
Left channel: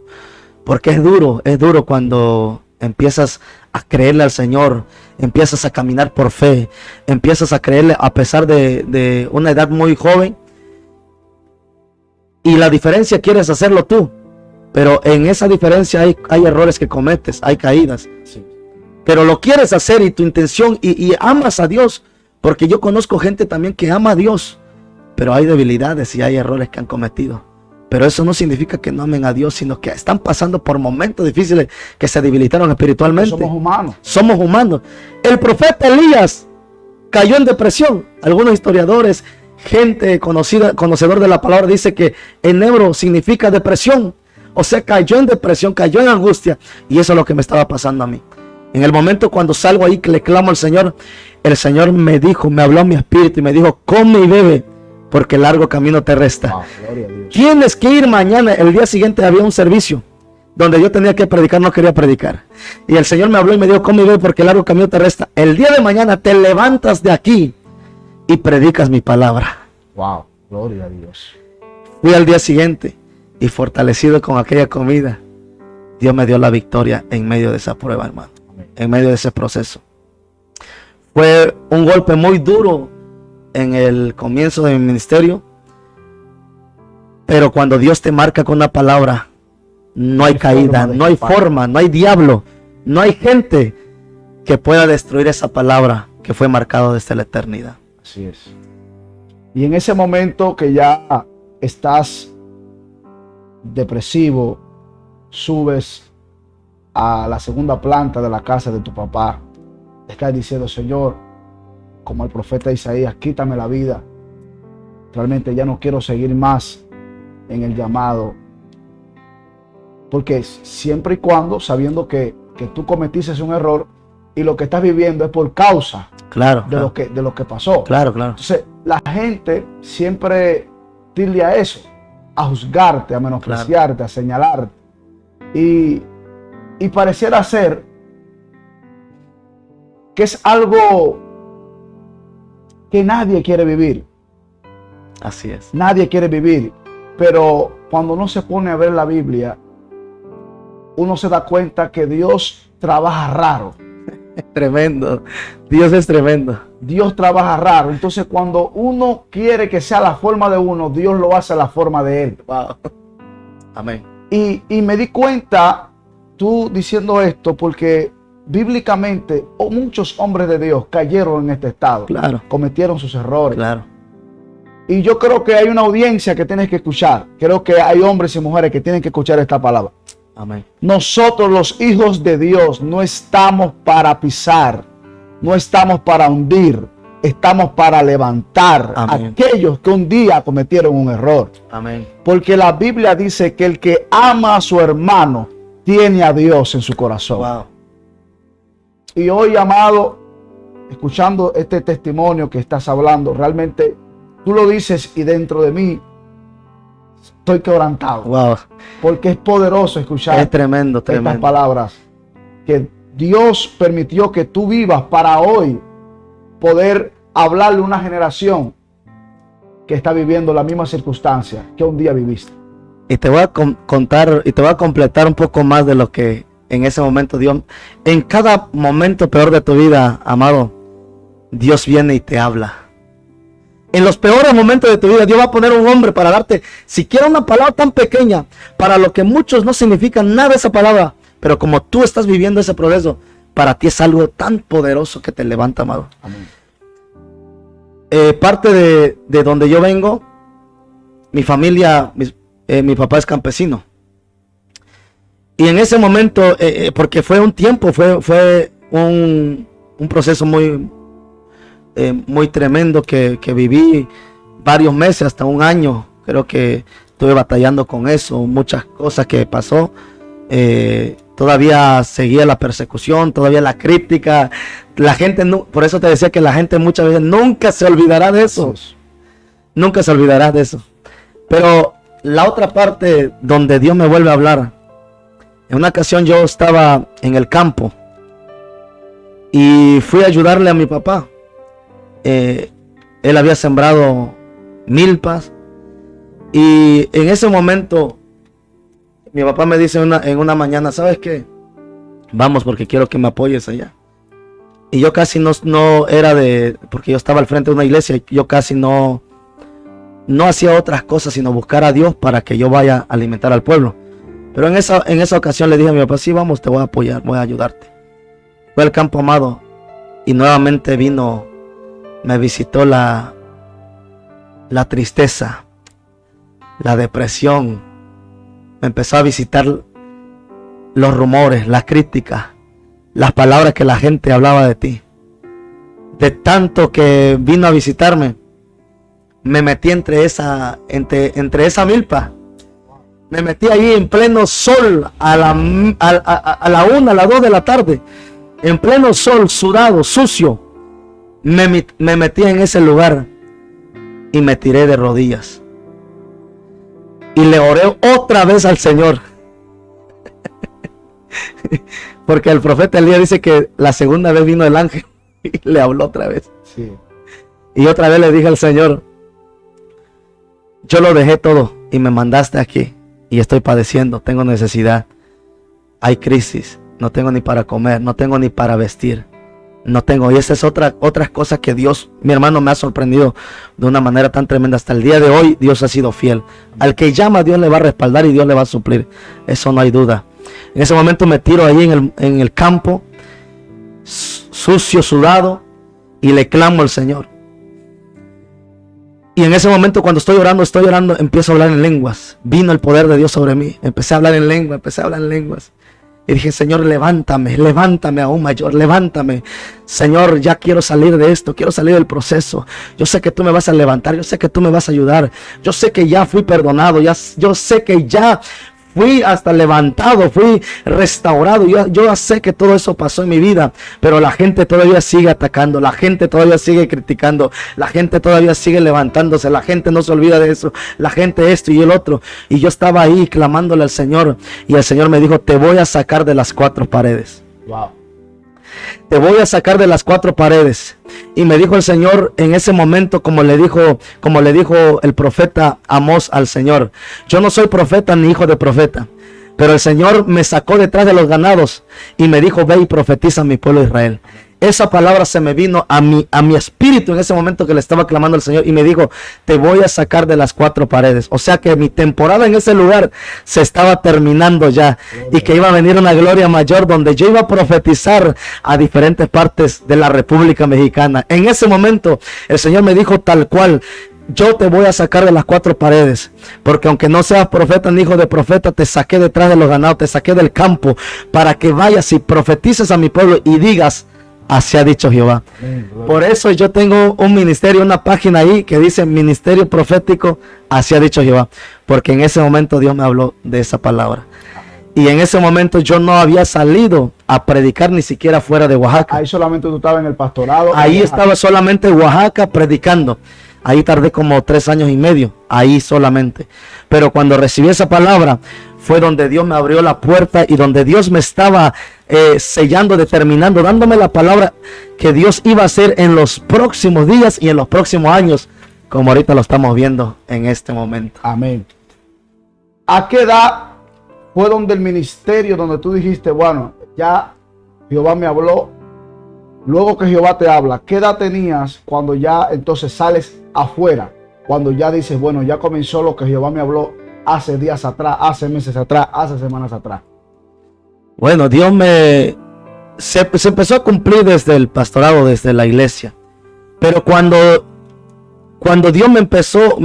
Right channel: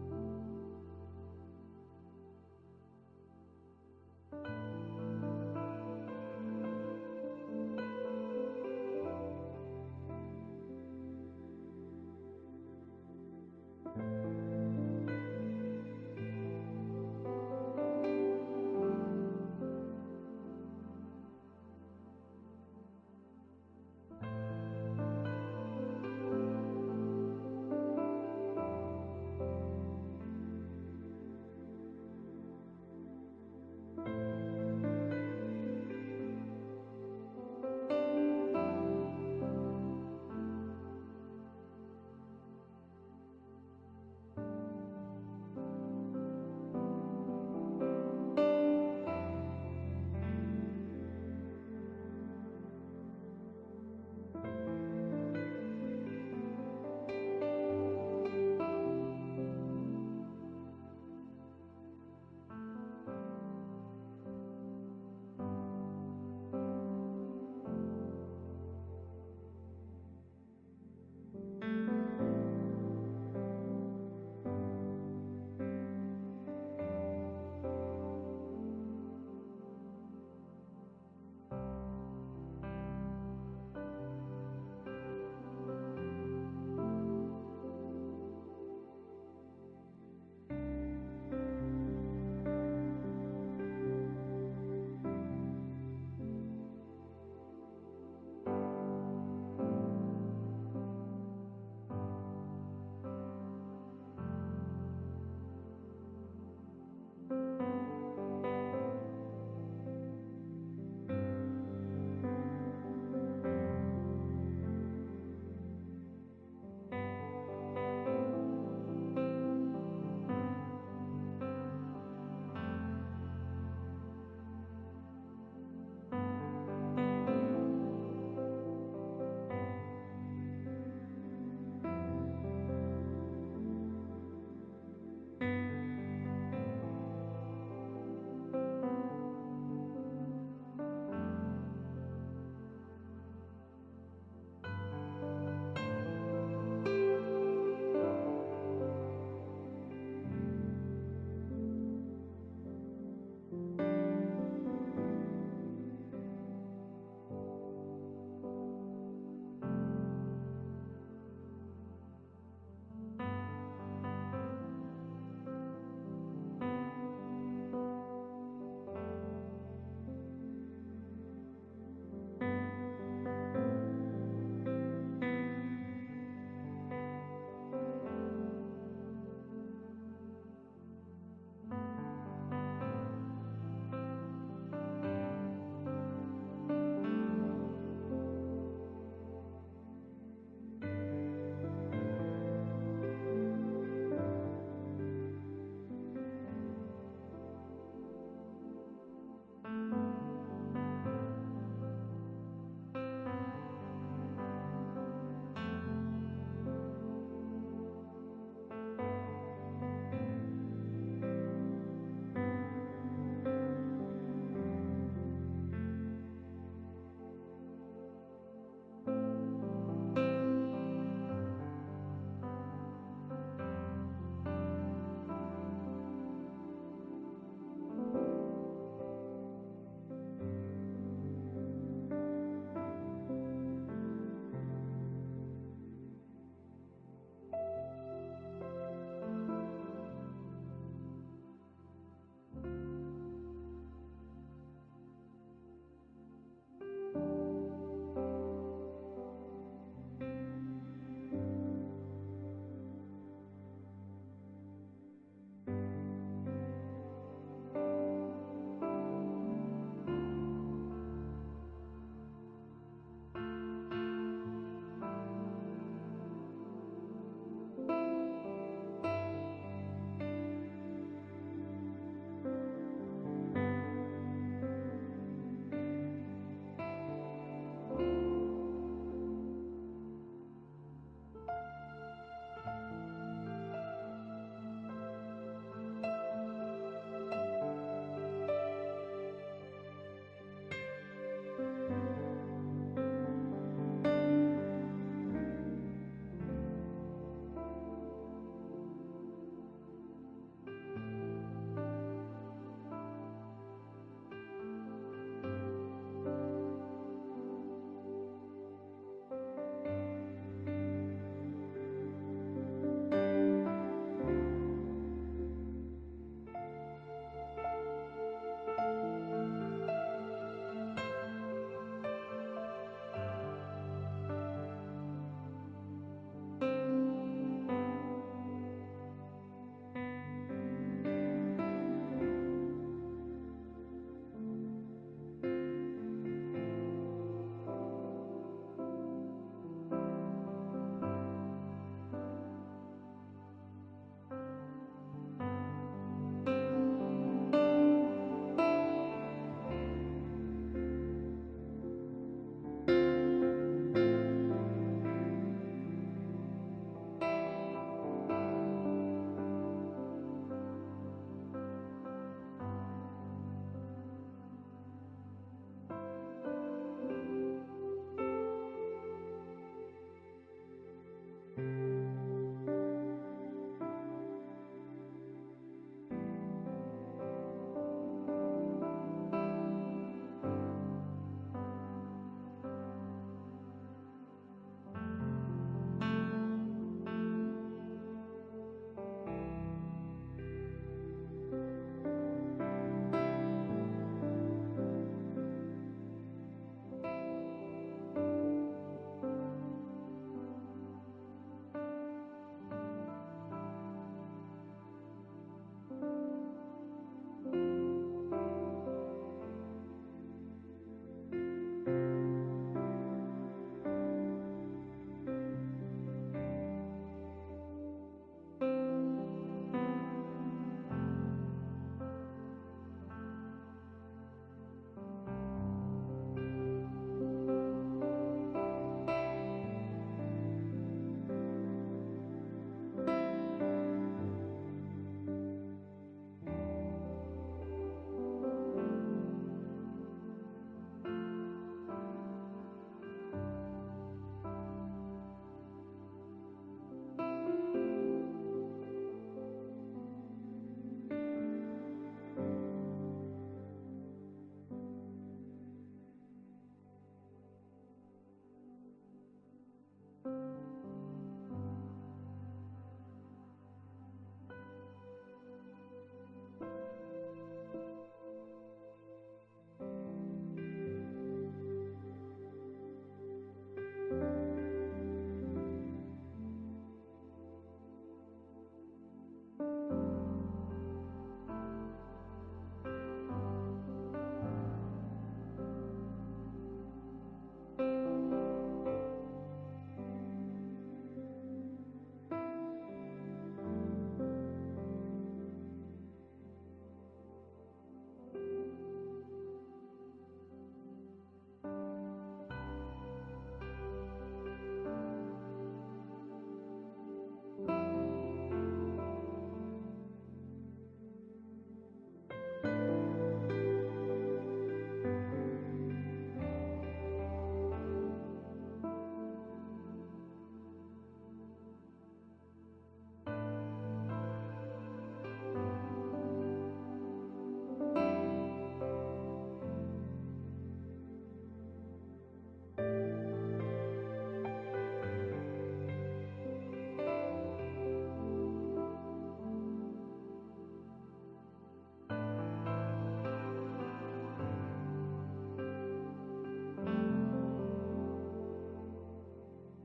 porque es duro cuando empiezas a creerle al Señor, empiezas a caminar por fe, empiezas a creerle a pesar de una edad muy joven, y la diferencia quieres hacerlo tú, pero en esa diferencia hay errores que cometes, hay caídas, sí. Pero lo quieres hacer y tu intención y amas a Dios, porque yo conozco gente también que ama a Dios, pero hay debilidades y hay errores que han cometido. Pero eso no significa que no amen a Dios, sino que están pasando por momentos difíciles, que se debilitaron espiritualmente. Somos humanos. Somos humanos. El profeta Elías cayó en depresión. Algunos historiadores, gente conocedor de la palabra, dice que en hebreo significa depresión. O sea, cayó en depresión, cayó en angustia. Y eso es lo que me estaba pasando a mí. En el momento cuando salgo ahí, que le clamo al Señor, el Señor me dijo, me habló a mi espíritu y me dijo: come y bebe, porque largo camino te resta. Tienes que ir mañana. El día siguiente había un servicio donde yo tenía que predicar, no quería predicar. Y el Señor me habló y me dijo: come y ve, porque largo camino te resta. El día de mañana te levantas de aquí y predicas mi palabra. Wow, gloria a Dios. Fui al día siguiente y, fortalecido con aquella comida, Dios me dio la victoria en medio de esa prueba, hermano, en medio de ese proceso. Fue un golpe muy duro en el comienzo de mi ministerio, pero cuando Dios te marca con una palabra, no hay caída, no hay forma, no hay diablo, no hay gente que pueda destruir esa palabra, que fue marcado desde la eternidad. Así es. Y en ese momento que ya estás depresivo, subes a la segunda planta de la casa de tu papá, estás diciendo: Señor, como el profeta Isaías, quítame la vida. Realmente ya no quiero seguir más en el llamado. Porque siempre y cuando, sabiendo que tú cometiste un error y lo que estás viviendo es por causa de lo que pasó. Claro. Entonces, la gente siempre tilde a eso, a juzgarte, a menospreciarte, a señalarte. Y pareciera ser que es algo que nadie quiere vivir. Así es. Nadie quiere vivir. Pero cuando uno se pone a ver la Biblia, uno se da cuenta que Dios trabaja raro. Tremendo. Dios es tremendo. Dios trabaja raro. Entonces, cuando uno quiere que sea la forma de uno, Dios lo hace a la forma de él. Wow. Amén. Y me di cuenta, tú diciendo esto, porque bíblicamente muchos hombres de Dios cayeron en este estado. Claro. Cometieron sus errores. Claro. Y yo creo que hay una audiencia que tienes que escuchar. Creo que hay hombres y mujeres que tienen que escuchar esta palabra. Amén. Nosotros, los hijos de Dios, no estamos para pisar, no estamos para hundir, estamos para levantar a aquellos que un día cometieron un error. Amén. Porque la Biblia dice que el que ama a su hermano tiene a Dios en su corazón. Wow. Y hoy, amado, escuchando este testimonio que estás hablando, realmente tú lo dices y dentro de mí estoy quebrantado. Wow. Porque es poderoso escuchar Es tremendo. estas palabras. Que Dios permitió que tú vivas para hoy poder hablarle a una generación que está viviendo la misma circunstancia que un día viviste. Y te voy a contar y te voy a completar un poco más de lo que en ese momento Dios, en cada momento peor de tu vida, amado, Dios viene y te habla. En los peores momentos de tu vida, Dios va a poner un hombre para darte siquiera una palabra tan pequeña, para lo que muchos no significa nada esa palabra, pero como tú estás viviendo ese proceso, para ti es algo tan poderoso que te levanta, amado. Amén. Parte de donde yo vengo, mi familia, mi papá es campesino. Y en ese momento, porque fue un tiempo, fue un proceso muy tremendo que viví varios meses, hasta un año. Creo que estuve batallando con eso, muchas cosas que pasó. Todavía seguía la persecución, todavía la crítica. La gente, por eso te decía que la gente muchas veces nunca se olvidará de eso. Nunca se olvidará de eso. Pero la otra parte donde Dios me vuelve a hablar, en una ocasión yo estaba en el campo y fui a ayudarle a mi papá. Él había sembrado milpas y en ese momento mi papá me dice en una mañana: ¿sabes qué? Vamos, porque quiero que me apoyes allá. Y yo casi no era porque yo estaba al frente de una iglesia y yo casi no hacía otras cosas sino buscar a Dios para que yo vaya a alimentar al pueblo. Pero en esa ocasión le dije a mi papá: sí, vamos, te voy a apoyar, voy a ayudarte. Fue al campo, amado, y nuevamente me visitó la tristeza, la depresión. Me empezó a visitar los rumores, las críticas, las palabras que la gente hablaba de ti. De tanto que vino a visitarme, me metí entre esa milpa. Me metí ahí en pleno sol a la 1, a las 2 de la tarde. En pleno sol, sudado, sucio. Me metí en ese lugar y me tiré de rodillas. Y le oré otra vez al Señor. Porque el profeta Elías dice que la segunda vez vino el ángel y le habló otra vez. Sí. Y otra vez le dije al Señor: yo lo dejé todo y me mandaste aquí. Y estoy padeciendo, tengo necesidad. Hay crisis, no tengo ni para comer, no tengo ni para vestir. No tengo, y esa es otras cosas que Dios, mi hermano, me ha sorprendido de una manera tan tremenda. Hasta el día de hoy Dios ha sido fiel. Al que llama, Dios le va a respaldar y Dios le va a suplir. Eso no hay duda. En ese momento me tiro ahí en el campo, sucio, sudado, y le clamo al Señor. Y en ese momento cuando estoy orando, empiezo a hablar en lenguas. Vino el poder de Dios sobre mí. Empecé a hablar en lenguas. Y dije, Señor, levántame aún mayor, levántame. Señor, ya quiero salir de esto, quiero salir del proceso. Yo sé que tú me vas a levantar, yo sé que tú me vas a ayudar. Yo sé que ya fui perdonado, yo sé que ya fui hasta levantado, fui restaurado. Yo ya sé que todo eso pasó en mi vida, pero la gente todavía sigue atacando, la gente todavía sigue criticando, la gente todavía sigue levantándose, la gente no se olvida de eso, la gente esto y el otro. Y yo estaba ahí clamándole al Señor, y el Señor me dijo, te voy a sacar de las 4 paredes. Wow. Te voy a sacar de las 4 paredes. Y me dijo el Señor en ese momento, como le dijo el profeta Amós al Señor. Yo no soy profeta ni hijo de profeta, pero el Señor me sacó detrás de los ganados y me dijo, ve y profetiza a mi pueblo Israel. Esa palabra se me vino a mi espíritu en ese momento que le estaba clamando al Señor, y me dijo, te voy a sacar de las 4 paredes. O sea que mi temporada en ese lugar se estaba terminando ya, y que iba a venir una gloria mayor donde yo iba a profetizar a diferentes partes de la República Mexicana. En ese momento el Señor me dijo tal cual, yo te voy a sacar de las 4 paredes, porque aunque no seas profeta ni hijo de profeta, te saqué detrás de los ganados, te saqué del campo, para que vayas y profetices a mi pueblo y digas, así ha dicho Jehová. Por eso yo tengo un ministerio, una página ahí que dice Ministerio Profético, así ha dicho Jehová, porque en ese momento Dios me habló de esa palabra. Y en ese momento yo no había salido a predicar ni siquiera fuera de Oaxaca. Ahí solamente tú estabas en el pastorado. Ahí estaba solamente en Oaxaca predicando. Ahí tardé como 3 años y medio, ahí solamente. Pero cuando recibí esa palabra, fue donde Dios me abrió la puerta y donde Dios me estaba sellando, determinando, dándome la palabra que Dios iba a hacer en los próximos días y en los próximos años, como ahorita lo estamos viendo en este momento. Amén. ¿A qué edad fue donde el ministerio, donde tú dijiste, bueno, ya Jehová me habló? Luego que Jehová te habla, ¿qué edad tenías cuando ya entonces sales afuera? Cuando ya dices, bueno, ya comenzó lo que Jehová me habló hace días atrás, hace meses atrás, hace semanas atrás. Bueno, Dios se empezó a cumplir desde el pastorado, desde la iglesia. Pero cuando Dios me empezó,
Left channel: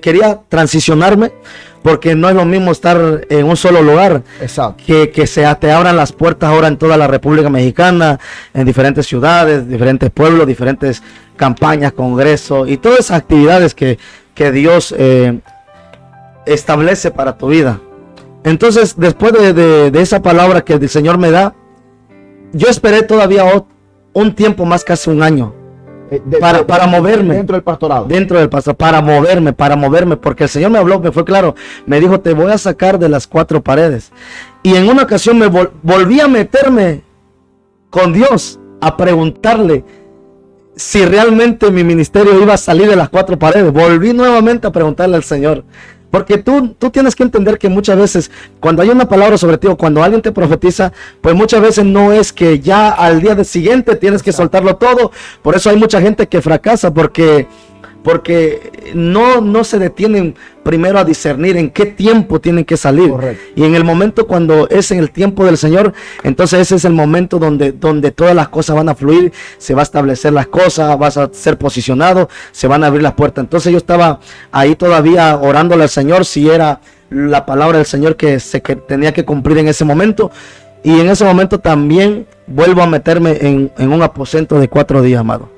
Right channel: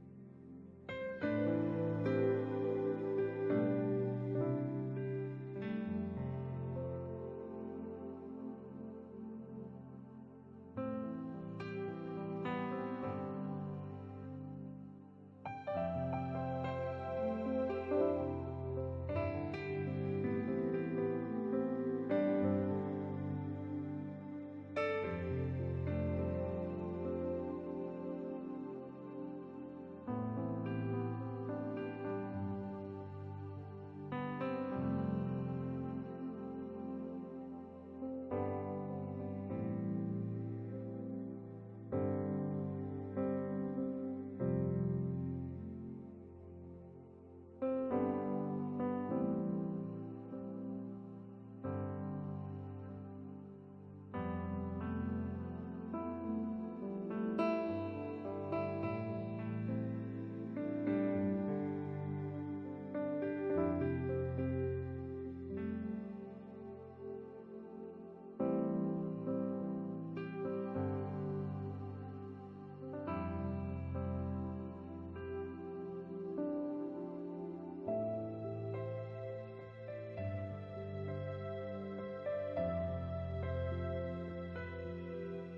quería transicionarme, porque no es lo mismo estar en un solo lugar. Exacto. Que te abran las puertas ahora en toda la República Mexicana, en diferentes ciudades, diferentes pueblos, diferentes campañas, congresos y todas esas actividades que Dios establece para tu vida. Entonces, después de esa palabra que el Señor me da, yo esperé todavía un tiempo más, casi un año, para moverme. Dentro del pastorado. Dentro del pastorado, para moverme, porque el Señor me habló, me fue claro, me dijo, te voy a sacar de las 4 paredes. Y en una ocasión me volví a meterme con Dios, a preguntarle si realmente mi ministerio iba a salir de las 4 paredes. Volví nuevamente a preguntarle al Señor. Porque tú tienes que entender que muchas veces cuando hay una palabra sobre ti o cuando alguien te profetiza, pues muchas veces no es que ya al día siguiente tienes que soltarlo todo. Por eso hay mucha gente que fracasa porque no se detienen primero a discernir en qué tiempo tienen que salir. Correcto. Y en el momento cuando es en el tiempo del Señor, entonces ese es el momento donde todas las cosas van a fluir, se va a establecer las cosas, vas a ser posicionado, se van a abrir las puertas. Entonces yo estaba ahí todavía orándole al Señor si era la palabra del Señor que tenía que cumplir en ese momento. Y en ese momento también vuelvo a meterme en un aposento de 4 días, amado.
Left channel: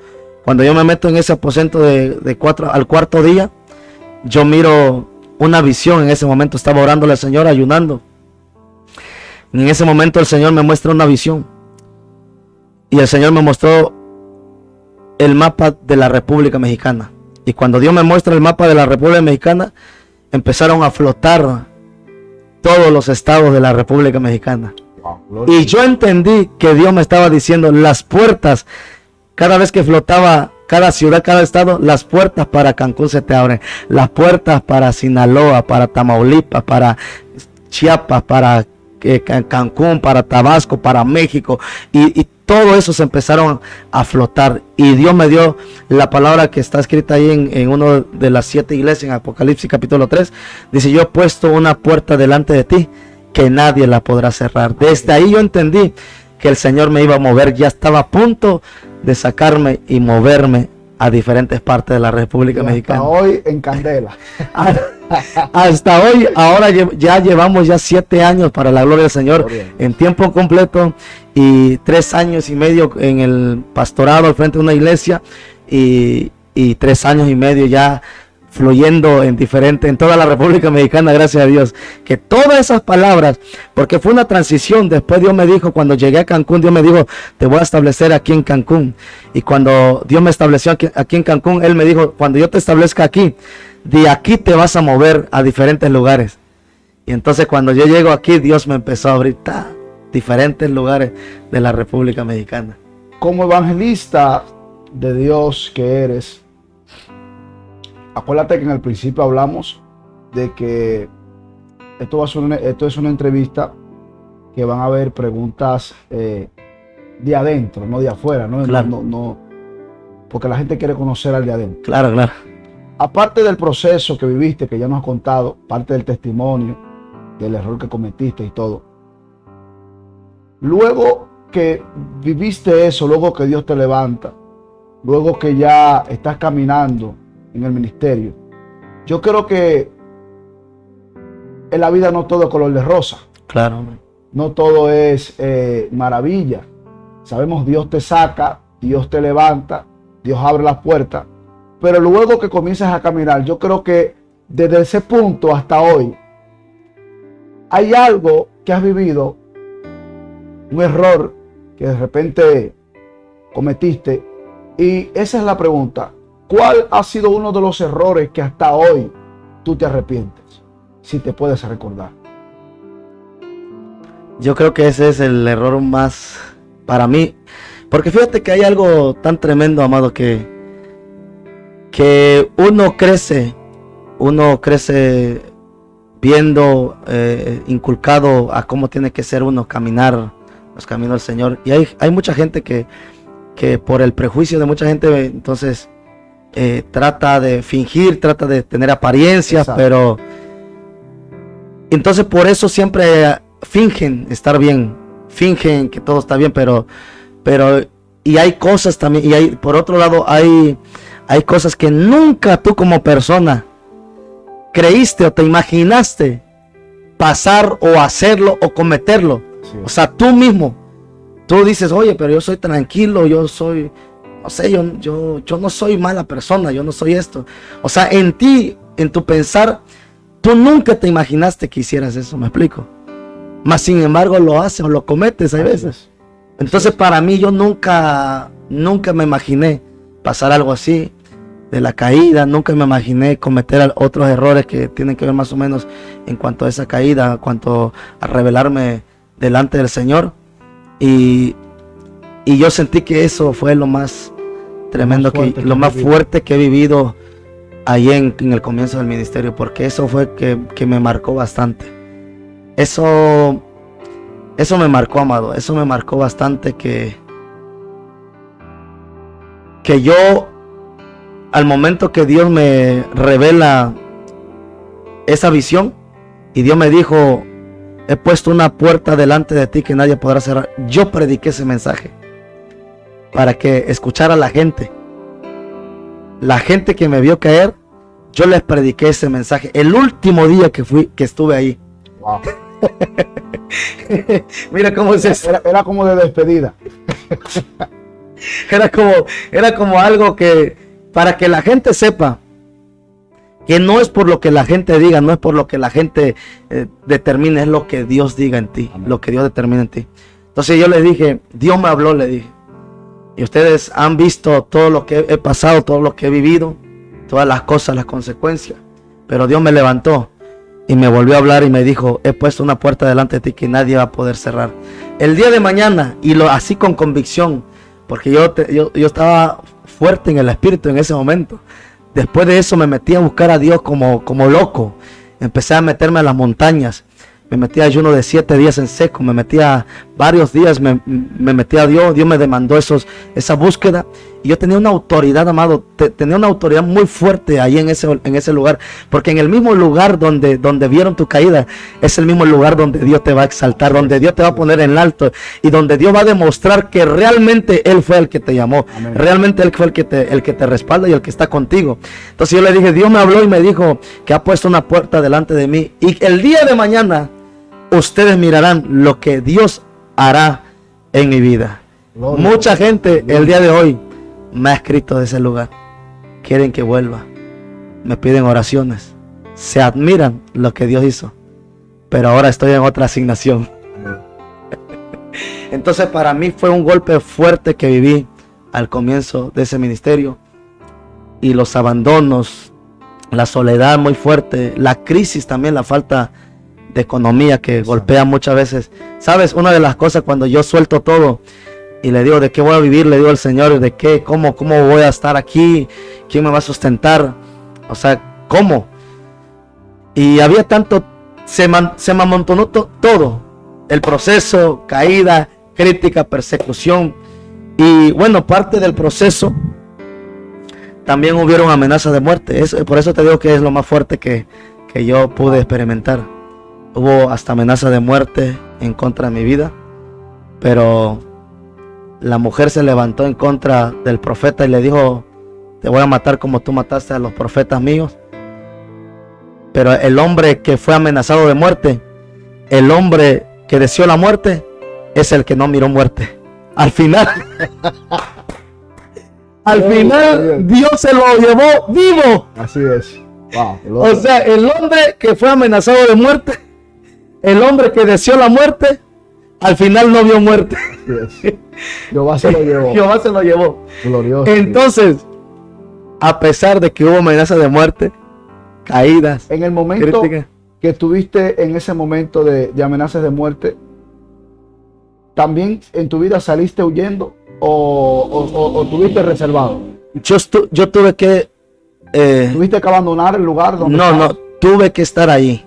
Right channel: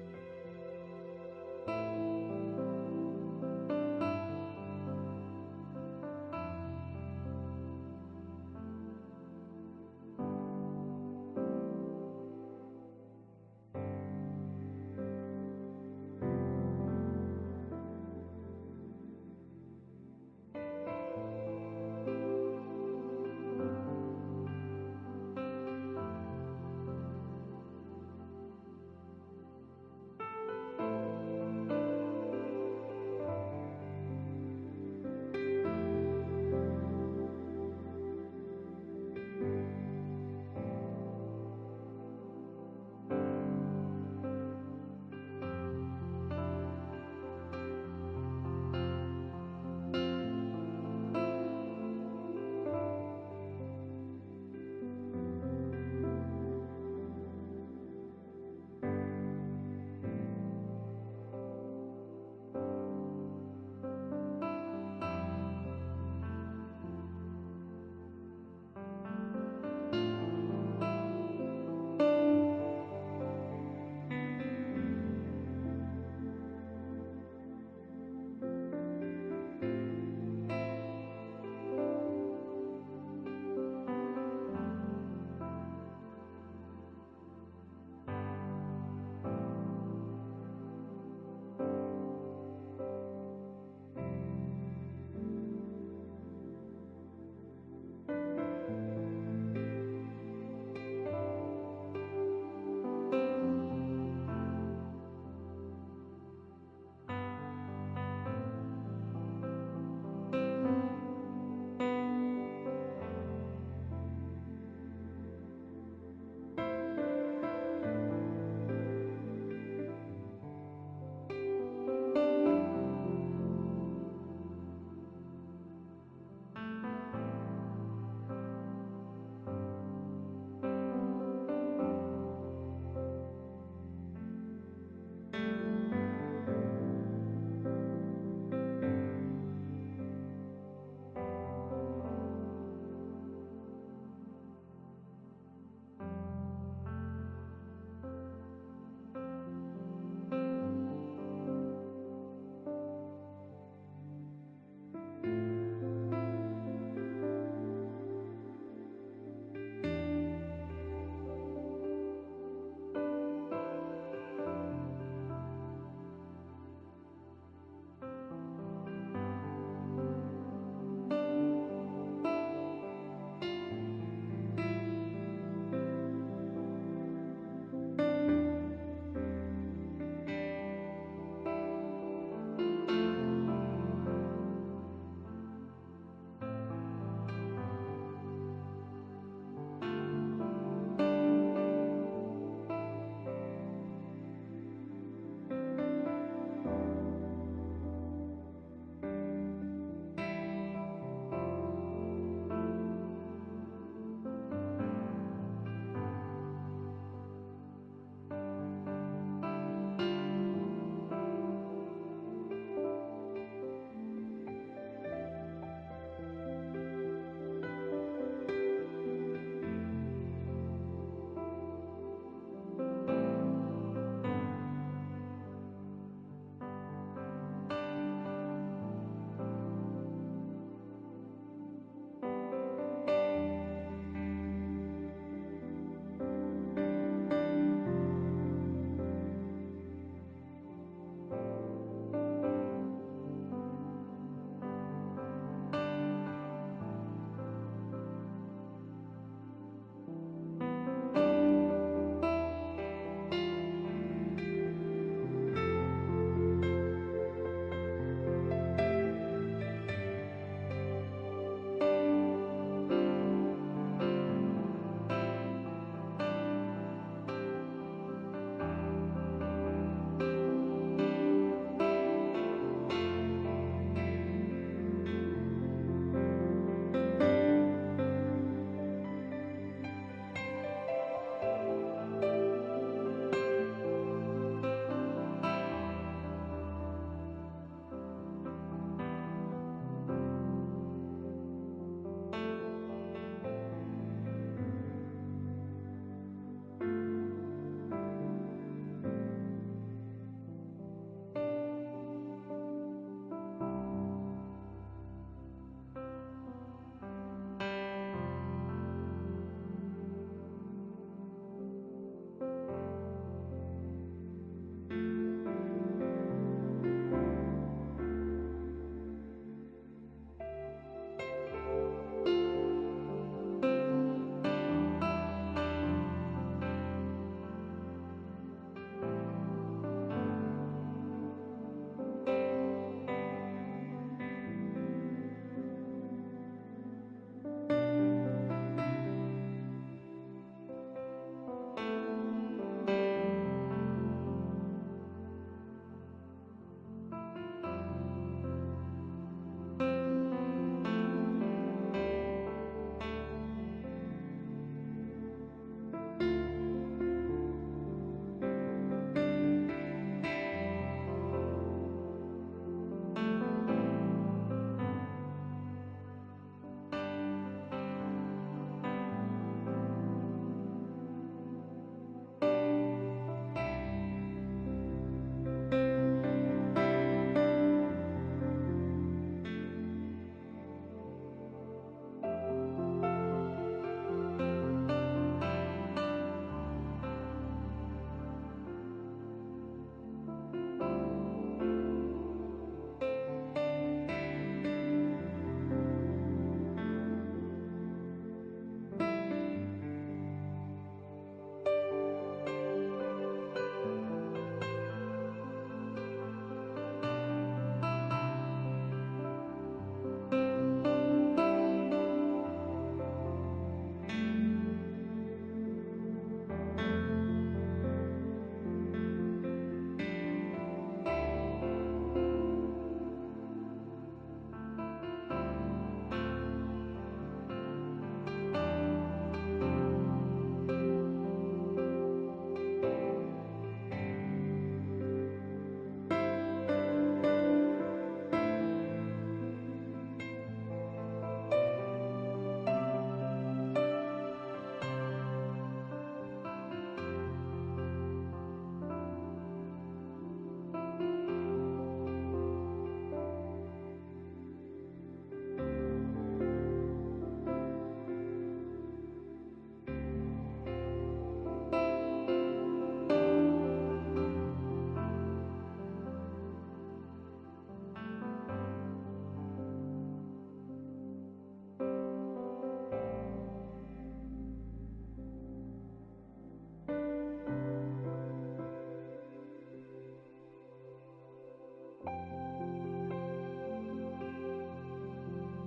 Cuando yo me meto en ese aposento al 4.º día, yo miro una visión. En ese momento estaba orándole al Señor, ayunando. Y en ese momento el Señor me muestra una visión. Y el Señor me mostró el mapa de la República Mexicana. Y cuando Dios me muestra el mapa de la República Mexicana, empezaron a flotar todos los estados de la República Mexicana. Y yo entendí que Dios me estaba diciendo las puertas. Cada vez que flotaba cada ciudad, cada estado, las puertas para Cancún se te abren. Las puertas para Sinaloa, para Tamaulipas, para Chiapas, para Cancún, para Tabasco, para México. Y todo eso se empezaron a flotar. Y Dios me dio la palabra que está escrita ahí en una de las 7 iglesias, en Apocalipsis capítulo 3. Dice, yo he puesto una puerta delante de ti que nadie la podrá cerrar. Desde ahí yo entendí que el Señor me iba a mover. Ya estaba a punto de sacarme y moverme a diferentes partes de la República Mexicana. Hasta hoy en candela. Hasta hoy, ahora ya llevamos ya 7 años para la gloria del Señor en tiempo completo y 3 años y medio en el pastorado al frente de una iglesia y 3 años y medio ya fluyendo en toda la República Mexicana, gracias a Dios, que todas esas palabras, porque fue una transición. Después Dios me dijo, cuando llegué a Cancún, Dios me dijo, te voy a establecer aquí en Cancún, y cuando Dios me estableció aquí en Cancún, Él me dijo, cuando yo te establezca aquí, de aquí te vas a mover a diferentes lugares. Y entonces cuando yo llego aquí, Dios me empezó a abrir diferentes lugares de la República Mexicana. Como evangelista de Dios que eres, acuérdate que en el principio hablamos de que esto es una entrevista que van a haber preguntas de adentro, no de afuera, ¿no? Claro. No, porque la gente quiere conocer al de adentro. Claro, claro. Aparte del proceso que viviste, que ya nos has contado, parte del testimonio, del error que cometiste y todo. Luego que viviste eso, luego que Dios te levanta, luego que ya estás caminando en el ministerio, yo creo que en la vida no todo es color de rosa. Claro. No todo es maravilla. Sabemos, Dios te saca, Dios te levanta, Dios abre las puertas, pero luego que comienzas a caminar, yo creo que desde ese punto hasta hoy hay algo que has vivido, un error que de repente cometiste, y esa es la pregunta: ¿cuál ha sido uno de los errores que hasta hoy tú te arrepientes? Si te puedes recordar. Yo creo que ese es el error más para mí, porque fíjate que hay algo tan tremendo, amado, que uno crece viendo, inculcado a cómo tiene que ser uno caminar los caminos del Señor, y hay mucha gente que por el prejuicio de mucha gente, entonces trata de fingir, trata de tener apariencias. Exacto. Pero entonces por eso siempre fingen estar bien, fingen que todo está bien, pero y hay cosas también, y por otro lado hay cosas que nunca tú como persona creíste o te imaginaste pasar o hacerlo o cometerlo. Sí. O sea, tú mismo, tú dices, oye, pero yo soy tranquilo, yo soy, no sé, yo no soy mala persona, yo no soy esto. O sea, en ti, en tu pensar, tú nunca te imaginaste que hicieras eso, ¿me explico? Mas sin embargo lo haces o lo cometes, hay veces. Entonces para mí, yo nunca me imaginé pasar algo así, de la caída, nunca me imaginé cometer otros errores que tienen que ver más o menos en cuanto a esa caída, en cuanto a revelarme delante del Señor. Y yo sentí que eso fue lo más tremendo, lo más fuerte que he vivido ahí en el comienzo del ministerio, porque eso fue que me marcó bastante. Eso me marcó, amado, eso me marcó bastante, que yo, al momento que Dios me revela esa visión y Dios me dijo, he puesto una puerta delante de ti que nadie podrá cerrar, yo prediqué ese mensaje para que escuchara la gente que me vio caer. Yo les prediqué ese mensaje el último día que estuve ahí. Wow. Mira cómo es eso. Era como de despedida. Era como algo que, para que la gente sepa que no es por lo que la gente diga, no es por lo que la gente determine, es lo que Dios diga en ti. Amén. Lo que Dios determina en ti. Entonces yo les dije, Dios me habló, le dije, y ustedes han visto todo lo que he pasado, todo lo que he vivido, todas las cosas, las consecuencias, pero Dios me levantó y me volvió a hablar y me dijo, he puesto una puerta delante de ti que nadie va a poder cerrar. El día de mañana, y así con convicción, porque yo estaba fuerte en el espíritu en ese momento. Después de eso me metí a buscar a Dios como loco. Empecé a meterme a las montañas. Me metí a ayuno de 7 días en seco. Me metí a varios días me metí a Dios. Dios me demandó esa búsqueda. Y yo tenía una autoridad, amado, tenía una autoridad muy fuerte ahí en ese lugar. Porque en el mismo lugar donde vieron tu caída, es el mismo lugar donde Dios te va a exaltar, donde Dios te va a poner en alto y donde Dios va a demostrar que realmente Él fue el que te llamó. Amén. Realmente Él fue el que te respalda y el que está contigo. Entonces yo le dije, Dios me habló y me dijo que ha puesto una puerta delante de mí. Y el día de mañana ustedes mirarán lo que Dios hará en mi vida. Gloria. Mucha gente el día de hoy me ha escrito de ese lugar. Quieren que vuelva. Me piden oraciones. Se admiran lo que Dios hizo. Pero ahora estoy en otra asignación. Entonces para mí fue un golpe fuerte que viví al comienzo de ese ministerio. Y los abandonos, la soledad muy fuerte, la crisis también, la falta de economía que golpea muchas veces. ¿Sabes? Una de las cosas cuando yo suelto todo y le digo de qué voy a vivir, le digo al Señor de qué, cómo voy a estar aquí, quién me va a sustentar, o sea, cómo. Y había tanto, se me amontonó todo, el proceso, caída, crítica, persecución. Y bueno, parte del proceso también hubieron amenazas de muerte. Por eso te digo que es lo más fuerte que yo pude experimentar. Hubo hasta amenaza de muerte en contra de mi vida, pero la mujer se levantó en contra del profeta y le dijo, te voy a matar como tú mataste a los profetas míos. Pero el hombre que fue amenazado de muerte, el hombre que deseó la muerte, es el que no miró muerte. Al final, Dios se lo llevó vivo. Así es. Wow, o sea, el hombre que fue amenazado de muerte, el hombre que deseó la muerte, al final no vio muerte. Yes. Jehová se lo llevó. Jehová se lo llevó. Glorioso. Entonces, a pesar de que hubo amenazas de muerte, caídas, en el momento críticas, que estuviste en ese momento de amenazas de muerte, ¿también en tu vida saliste huyendo o tuviste reservado? Yo tuve que... ¿Tuviste que abandonar el lugar donde No, tuve que estar ahí.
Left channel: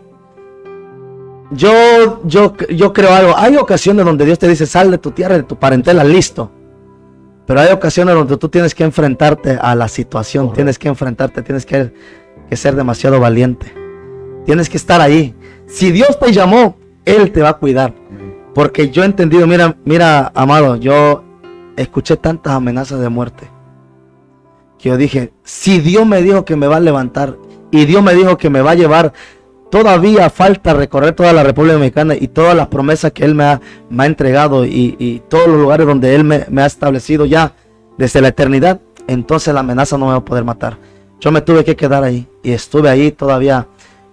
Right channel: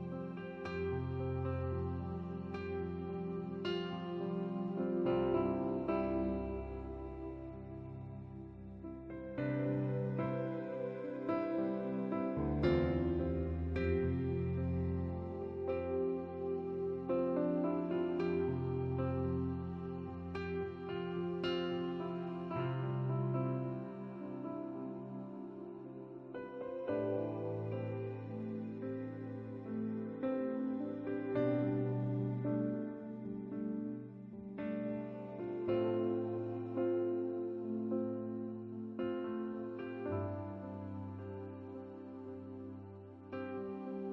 Yo creo algo. Hay ocasiones donde Dios te dice, sal de tu tierra, de tu parentela, listo. Pero hay ocasiones donde tú tienes que enfrentarte a la situación. Correcto. Tienes que enfrentarte, tienes que ser demasiado valiente. Tienes que estar ahí. Si Dios te llamó, Él te va a cuidar. Porque yo he entendido, mira, amado, yo escuché tantas amenazas de muerte que yo dije, si Dios me dijo que me va a levantar y Dios me dijo que me va a llevar, todavía falta recorrer toda la República Mexicana y todas las promesas que Él me ha entregado y todos los lugares donde Él me ha establecido ya desde la eternidad, entonces la amenaza no me va a poder matar. Yo me tuve que quedar ahí y estuve ahí todavía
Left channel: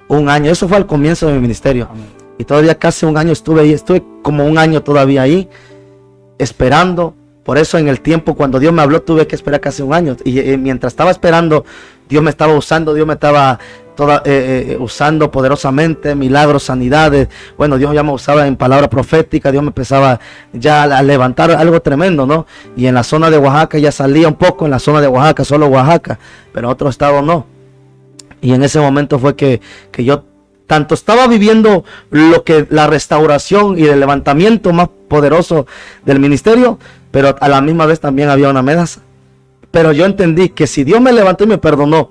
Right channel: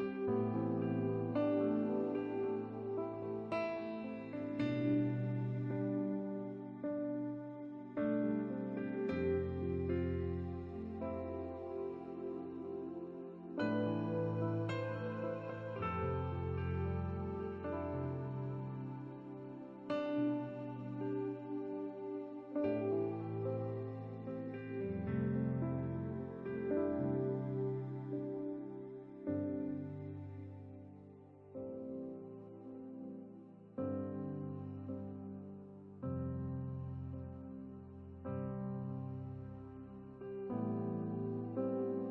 un año. Eso fue al comienzo de mi ministerio. Y todavía casi un año estuve ahí. Estuve como un año todavía ahí esperando. Por eso en el tiempo cuando Dios me habló tuve que esperar casi un año. Y mientras estaba esperando, Dios me estaba usando. Dios me estaba usando poderosamente, milagros, sanidades. Bueno, Dios ya me usaba en palabra profética. Dios me empezaba ya a levantar algo tremendo, ¿no? Y en la zona de Oaxaca ya salía un poco. En la zona de Oaxaca, solo Oaxaca. Pero otro estado no. Y en ese momento fue que yo tanto estaba viviendo la restauración y el levantamiento más poderoso del ministerio, pero a la misma vez también había una amenaza. Pero yo entendí que si Dios me levantó y me perdonó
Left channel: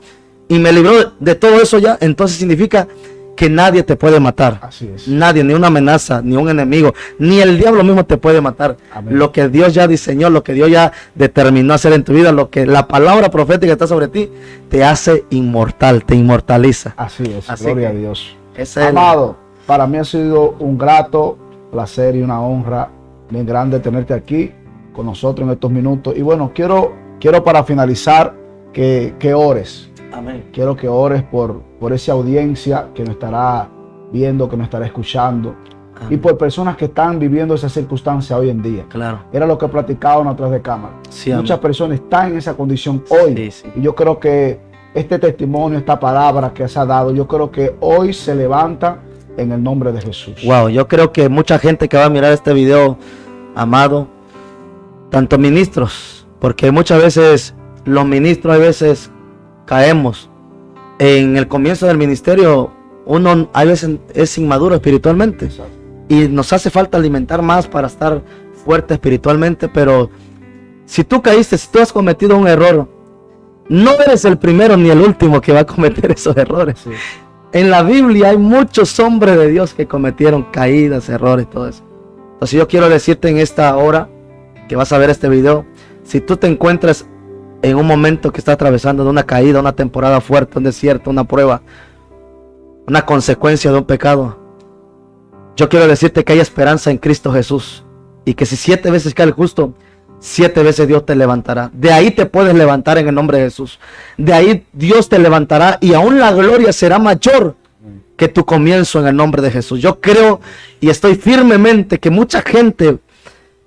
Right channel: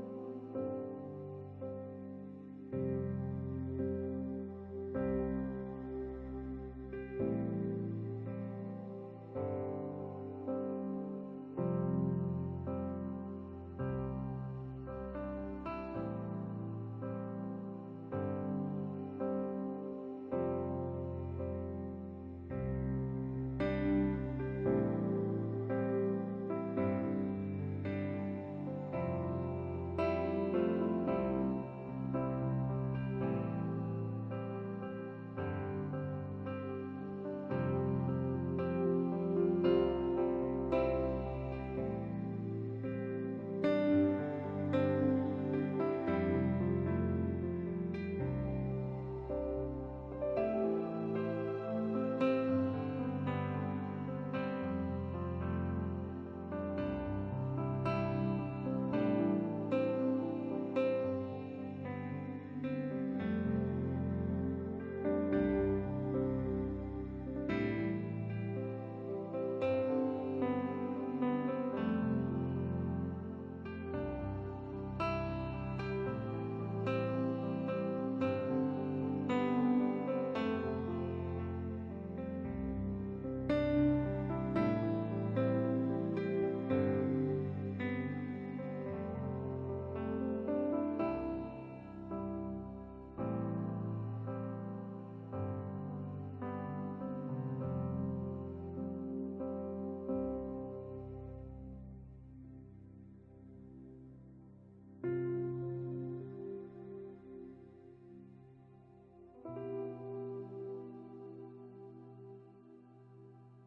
y me libró de todo eso ya, entonces significa que nadie te puede matar. Así es. Nadie, ni una amenaza, ni un enemigo, ni el diablo mismo te puede matar. Amén. Lo que Dios ya diseñó, lo que Dios ya determinó hacer en tu vida, lo que la palabra profética está sobre ti, te hace inmortal, te inmortaliza. Así es, así gloria a Dios. Amado, para mí ha sido un grato placer y una honra bien grande tenerte aquí con nosotros en estos minutos. Y bueno, quiero para finalizar que ores. Amén. Quiero que ores por esa audiencia que nos estará viendo, que nos estará escuchando. Amén. Y por personas que están viviendo esa circunstancia hoy en día. Claro. Era lo que platicábamos atrás de cámara. Sí, muchas personas están en esa condición hoy. Sí, sí. Y yo creo que este testimonio, esta palabra que se ha dado, yo creo que hoy se levanta en el nombre de Jesús. Wow, yo creo que mucha gente que va a mirar este video, amado, tanto ministros, porque muchas veces los ministros a veces caemos. En el comienzo del ministerio, uno a veces es inmaduro espiritualmente. Exacto. y nos hace falta alimentar más para estar fuerte espiritualmente, pero si tú caíste, si tú has cometido un error, no eres el primero ni el último que va a cometer esos errores. Sí. En la Biblia hay muchos hombres de Dios que cometieron caídas, errores, todo eso. Entonces yo quiero decirte en esta hora que vas a ver este video, si tú te encuentras en un momento que estás atravesando de una caída, una temporada fuerte, un desierto, una prueba, una consecuencia de un pecado, yo quiero decirte que hay esperanza en Cristo Jesús, y que si 7 veces cae el justo, 7 veces Dios te levantará. De ahí te puedes levantar en el nombre de Jesús. De ahí Dios te levantará, y aún la gloria será mayor que tu comienzo en el nombre de Jesús. Yo creo y estoy firmemente que mucha gente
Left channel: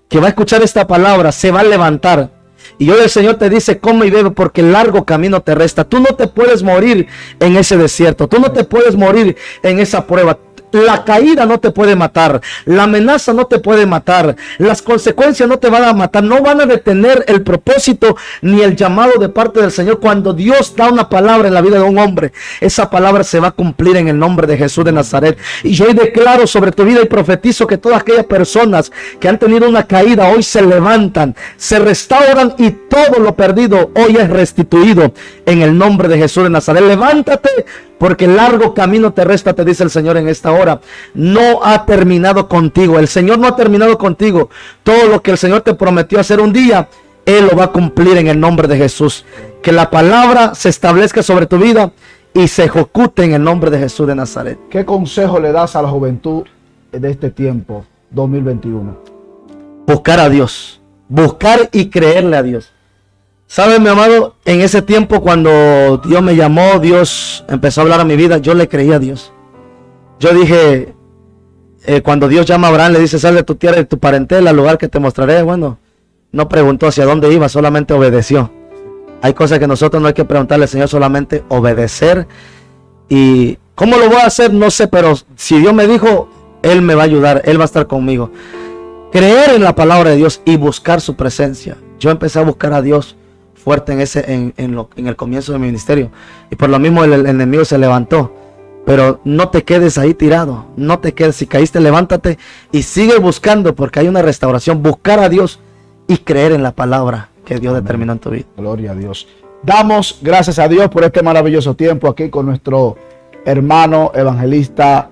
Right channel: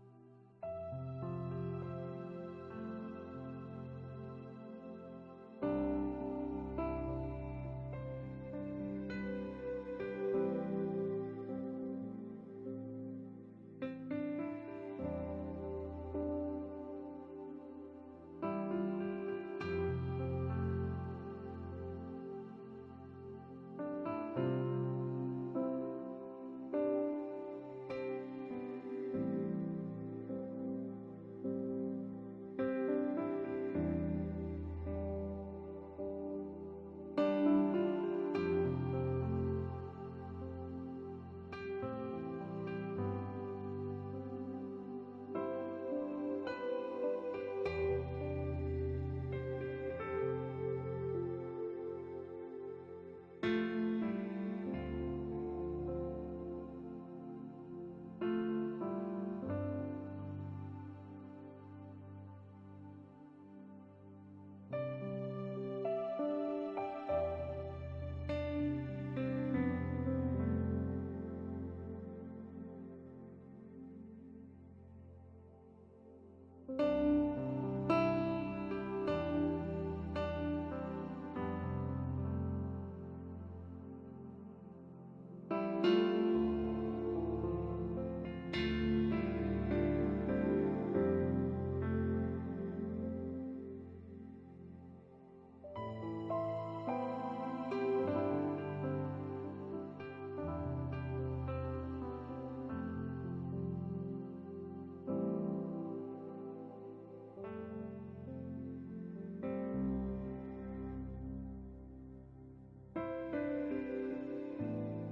que va a escuchar esta palabra se va a levantar. Y hoy el Señor te dice: come y bebe, porque el largo camino te resta. Tú no te puedes morir en ese desierto. Tú no te puedes morir en esa prueba. La caída no te puede matar, la amenaza no te puede matar, las consecuencias no te van a matar, no van a detener el propósito ni el llamado de parte del Señor. Cuando Dios da una palabra en la vida de un hombre, esa palabra se va a cumplir en el nombre de Jesús de Nazaret. Y yo hoy declaro sobre tu vida y profetizo que todas aquellas personas que han tenido una caída hoy se levantan, se restauran, y todo lo perdido hoy es restituido en el nombre de Jesús de Nazaret. Levántate, porque el largo camino te resta, te dice el Señor en esta hora. No ha terminado contigo. El Señor no ha terminado contigo. Todo lo que el Señor te prometió hacer un día, Él lo va a cumplir en el nombre de Jesús. Que la palabra se establezca sobre tu vida y se ejecute en el nombre de Jesús de Nazaret. ¿Qué consejo le das a la juventud de este tiempo, 2021? Buscar a Dios. Buscar y creerle a Dios. ¿Sabes, mi amado? En ese tiempo, cuando Dios me llamó, Dios empezó a hablar a mi vida, yo le creí a Dios. Yo dije, cuando Dios llama a Abraham, le dice: sal de tu tierra y de tu parentela al lugar que te mostraré. Bueno, no preguntó hacia dónde iba, solamente obedeció. Hay cosas que nosotros no hay que preguntarle al Señor, solamente obedecer. Y ¿cómo lo voy a hacer? No sé, pero si Dios me dijo, Él me va a ayudar, Él va a estar conmigo. Creer en la palabra de Dios y buscar su presencia. Yo empecé a buscar a Dios fuerte en el comienzo de mi ministerio, y por lo mismo el enemigo se levantó. Pero no te quedes ahí tirado, no te quedes. Si caíste, levántate y sigue buscando, porque hay una restauración. Buscar a Dios y creer en la palabra que Dios determinó en tu vida. Gloria a Dios. Damos gracias a Dios por este maravilloso tiempo aquí con nuestro hermano evangelista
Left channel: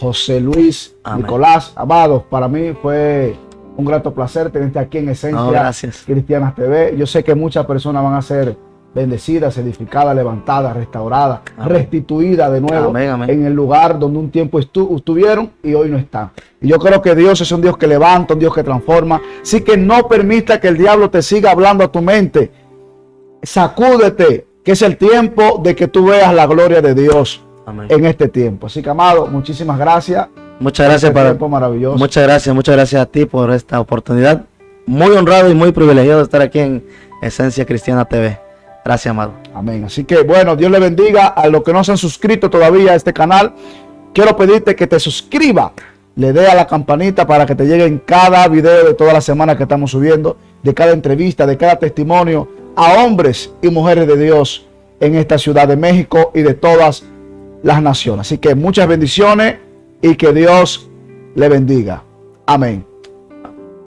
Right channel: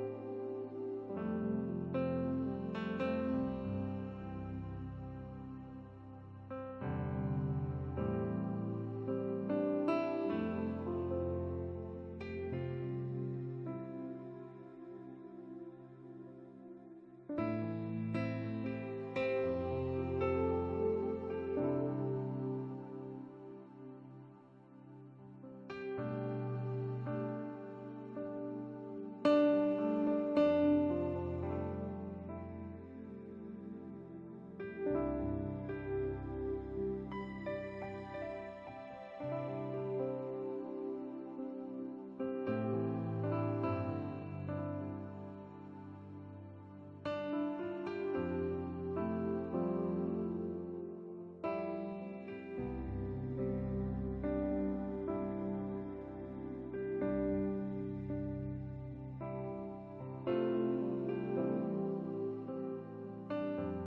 José Luis Amén. Nicolás. Amados, para mí fue un grato placer tenerte aquí en Esencia Cristiana TV. Yo sé que muchas personas van a ser bendecidas, edificadas, levantadas, restauradas, amén, restituidas de nuevo, amén, amén, en el lugar donde un tiempo estuvieron y hoy no están. Y yo creo que Dios es un Dios que levanta, un Dios que transforma. Así que no permita que el diablo te siga hablando a tu mente. Sacúdete, que es el tiempo de que tú veas la gloria de Dios, amén, en este tiempo. Así que, amado, muchísimas gracias. Muchas gracias por este tiempo maravilloso. Muchas gracias a ti por esta oportunidad. Muy honrado y muy privilegiado de estar aquí en Esencia Cristiana TV. Gracias, amado. Amén. Así que, bueno, Dios le bendiga. A los que no se han suscrito todavía a este canal, quiero pedirte que te suscriba, le dé a la campanita para que te lleguen cada video de toda la semana que estamos subiendo, de cada entrevista, de cada testimonio a hombres y mujeres de Dios en esta ciudad de México y de todas las naciones. Así que muchas bendiciones y que Dios le bendiga. Amén.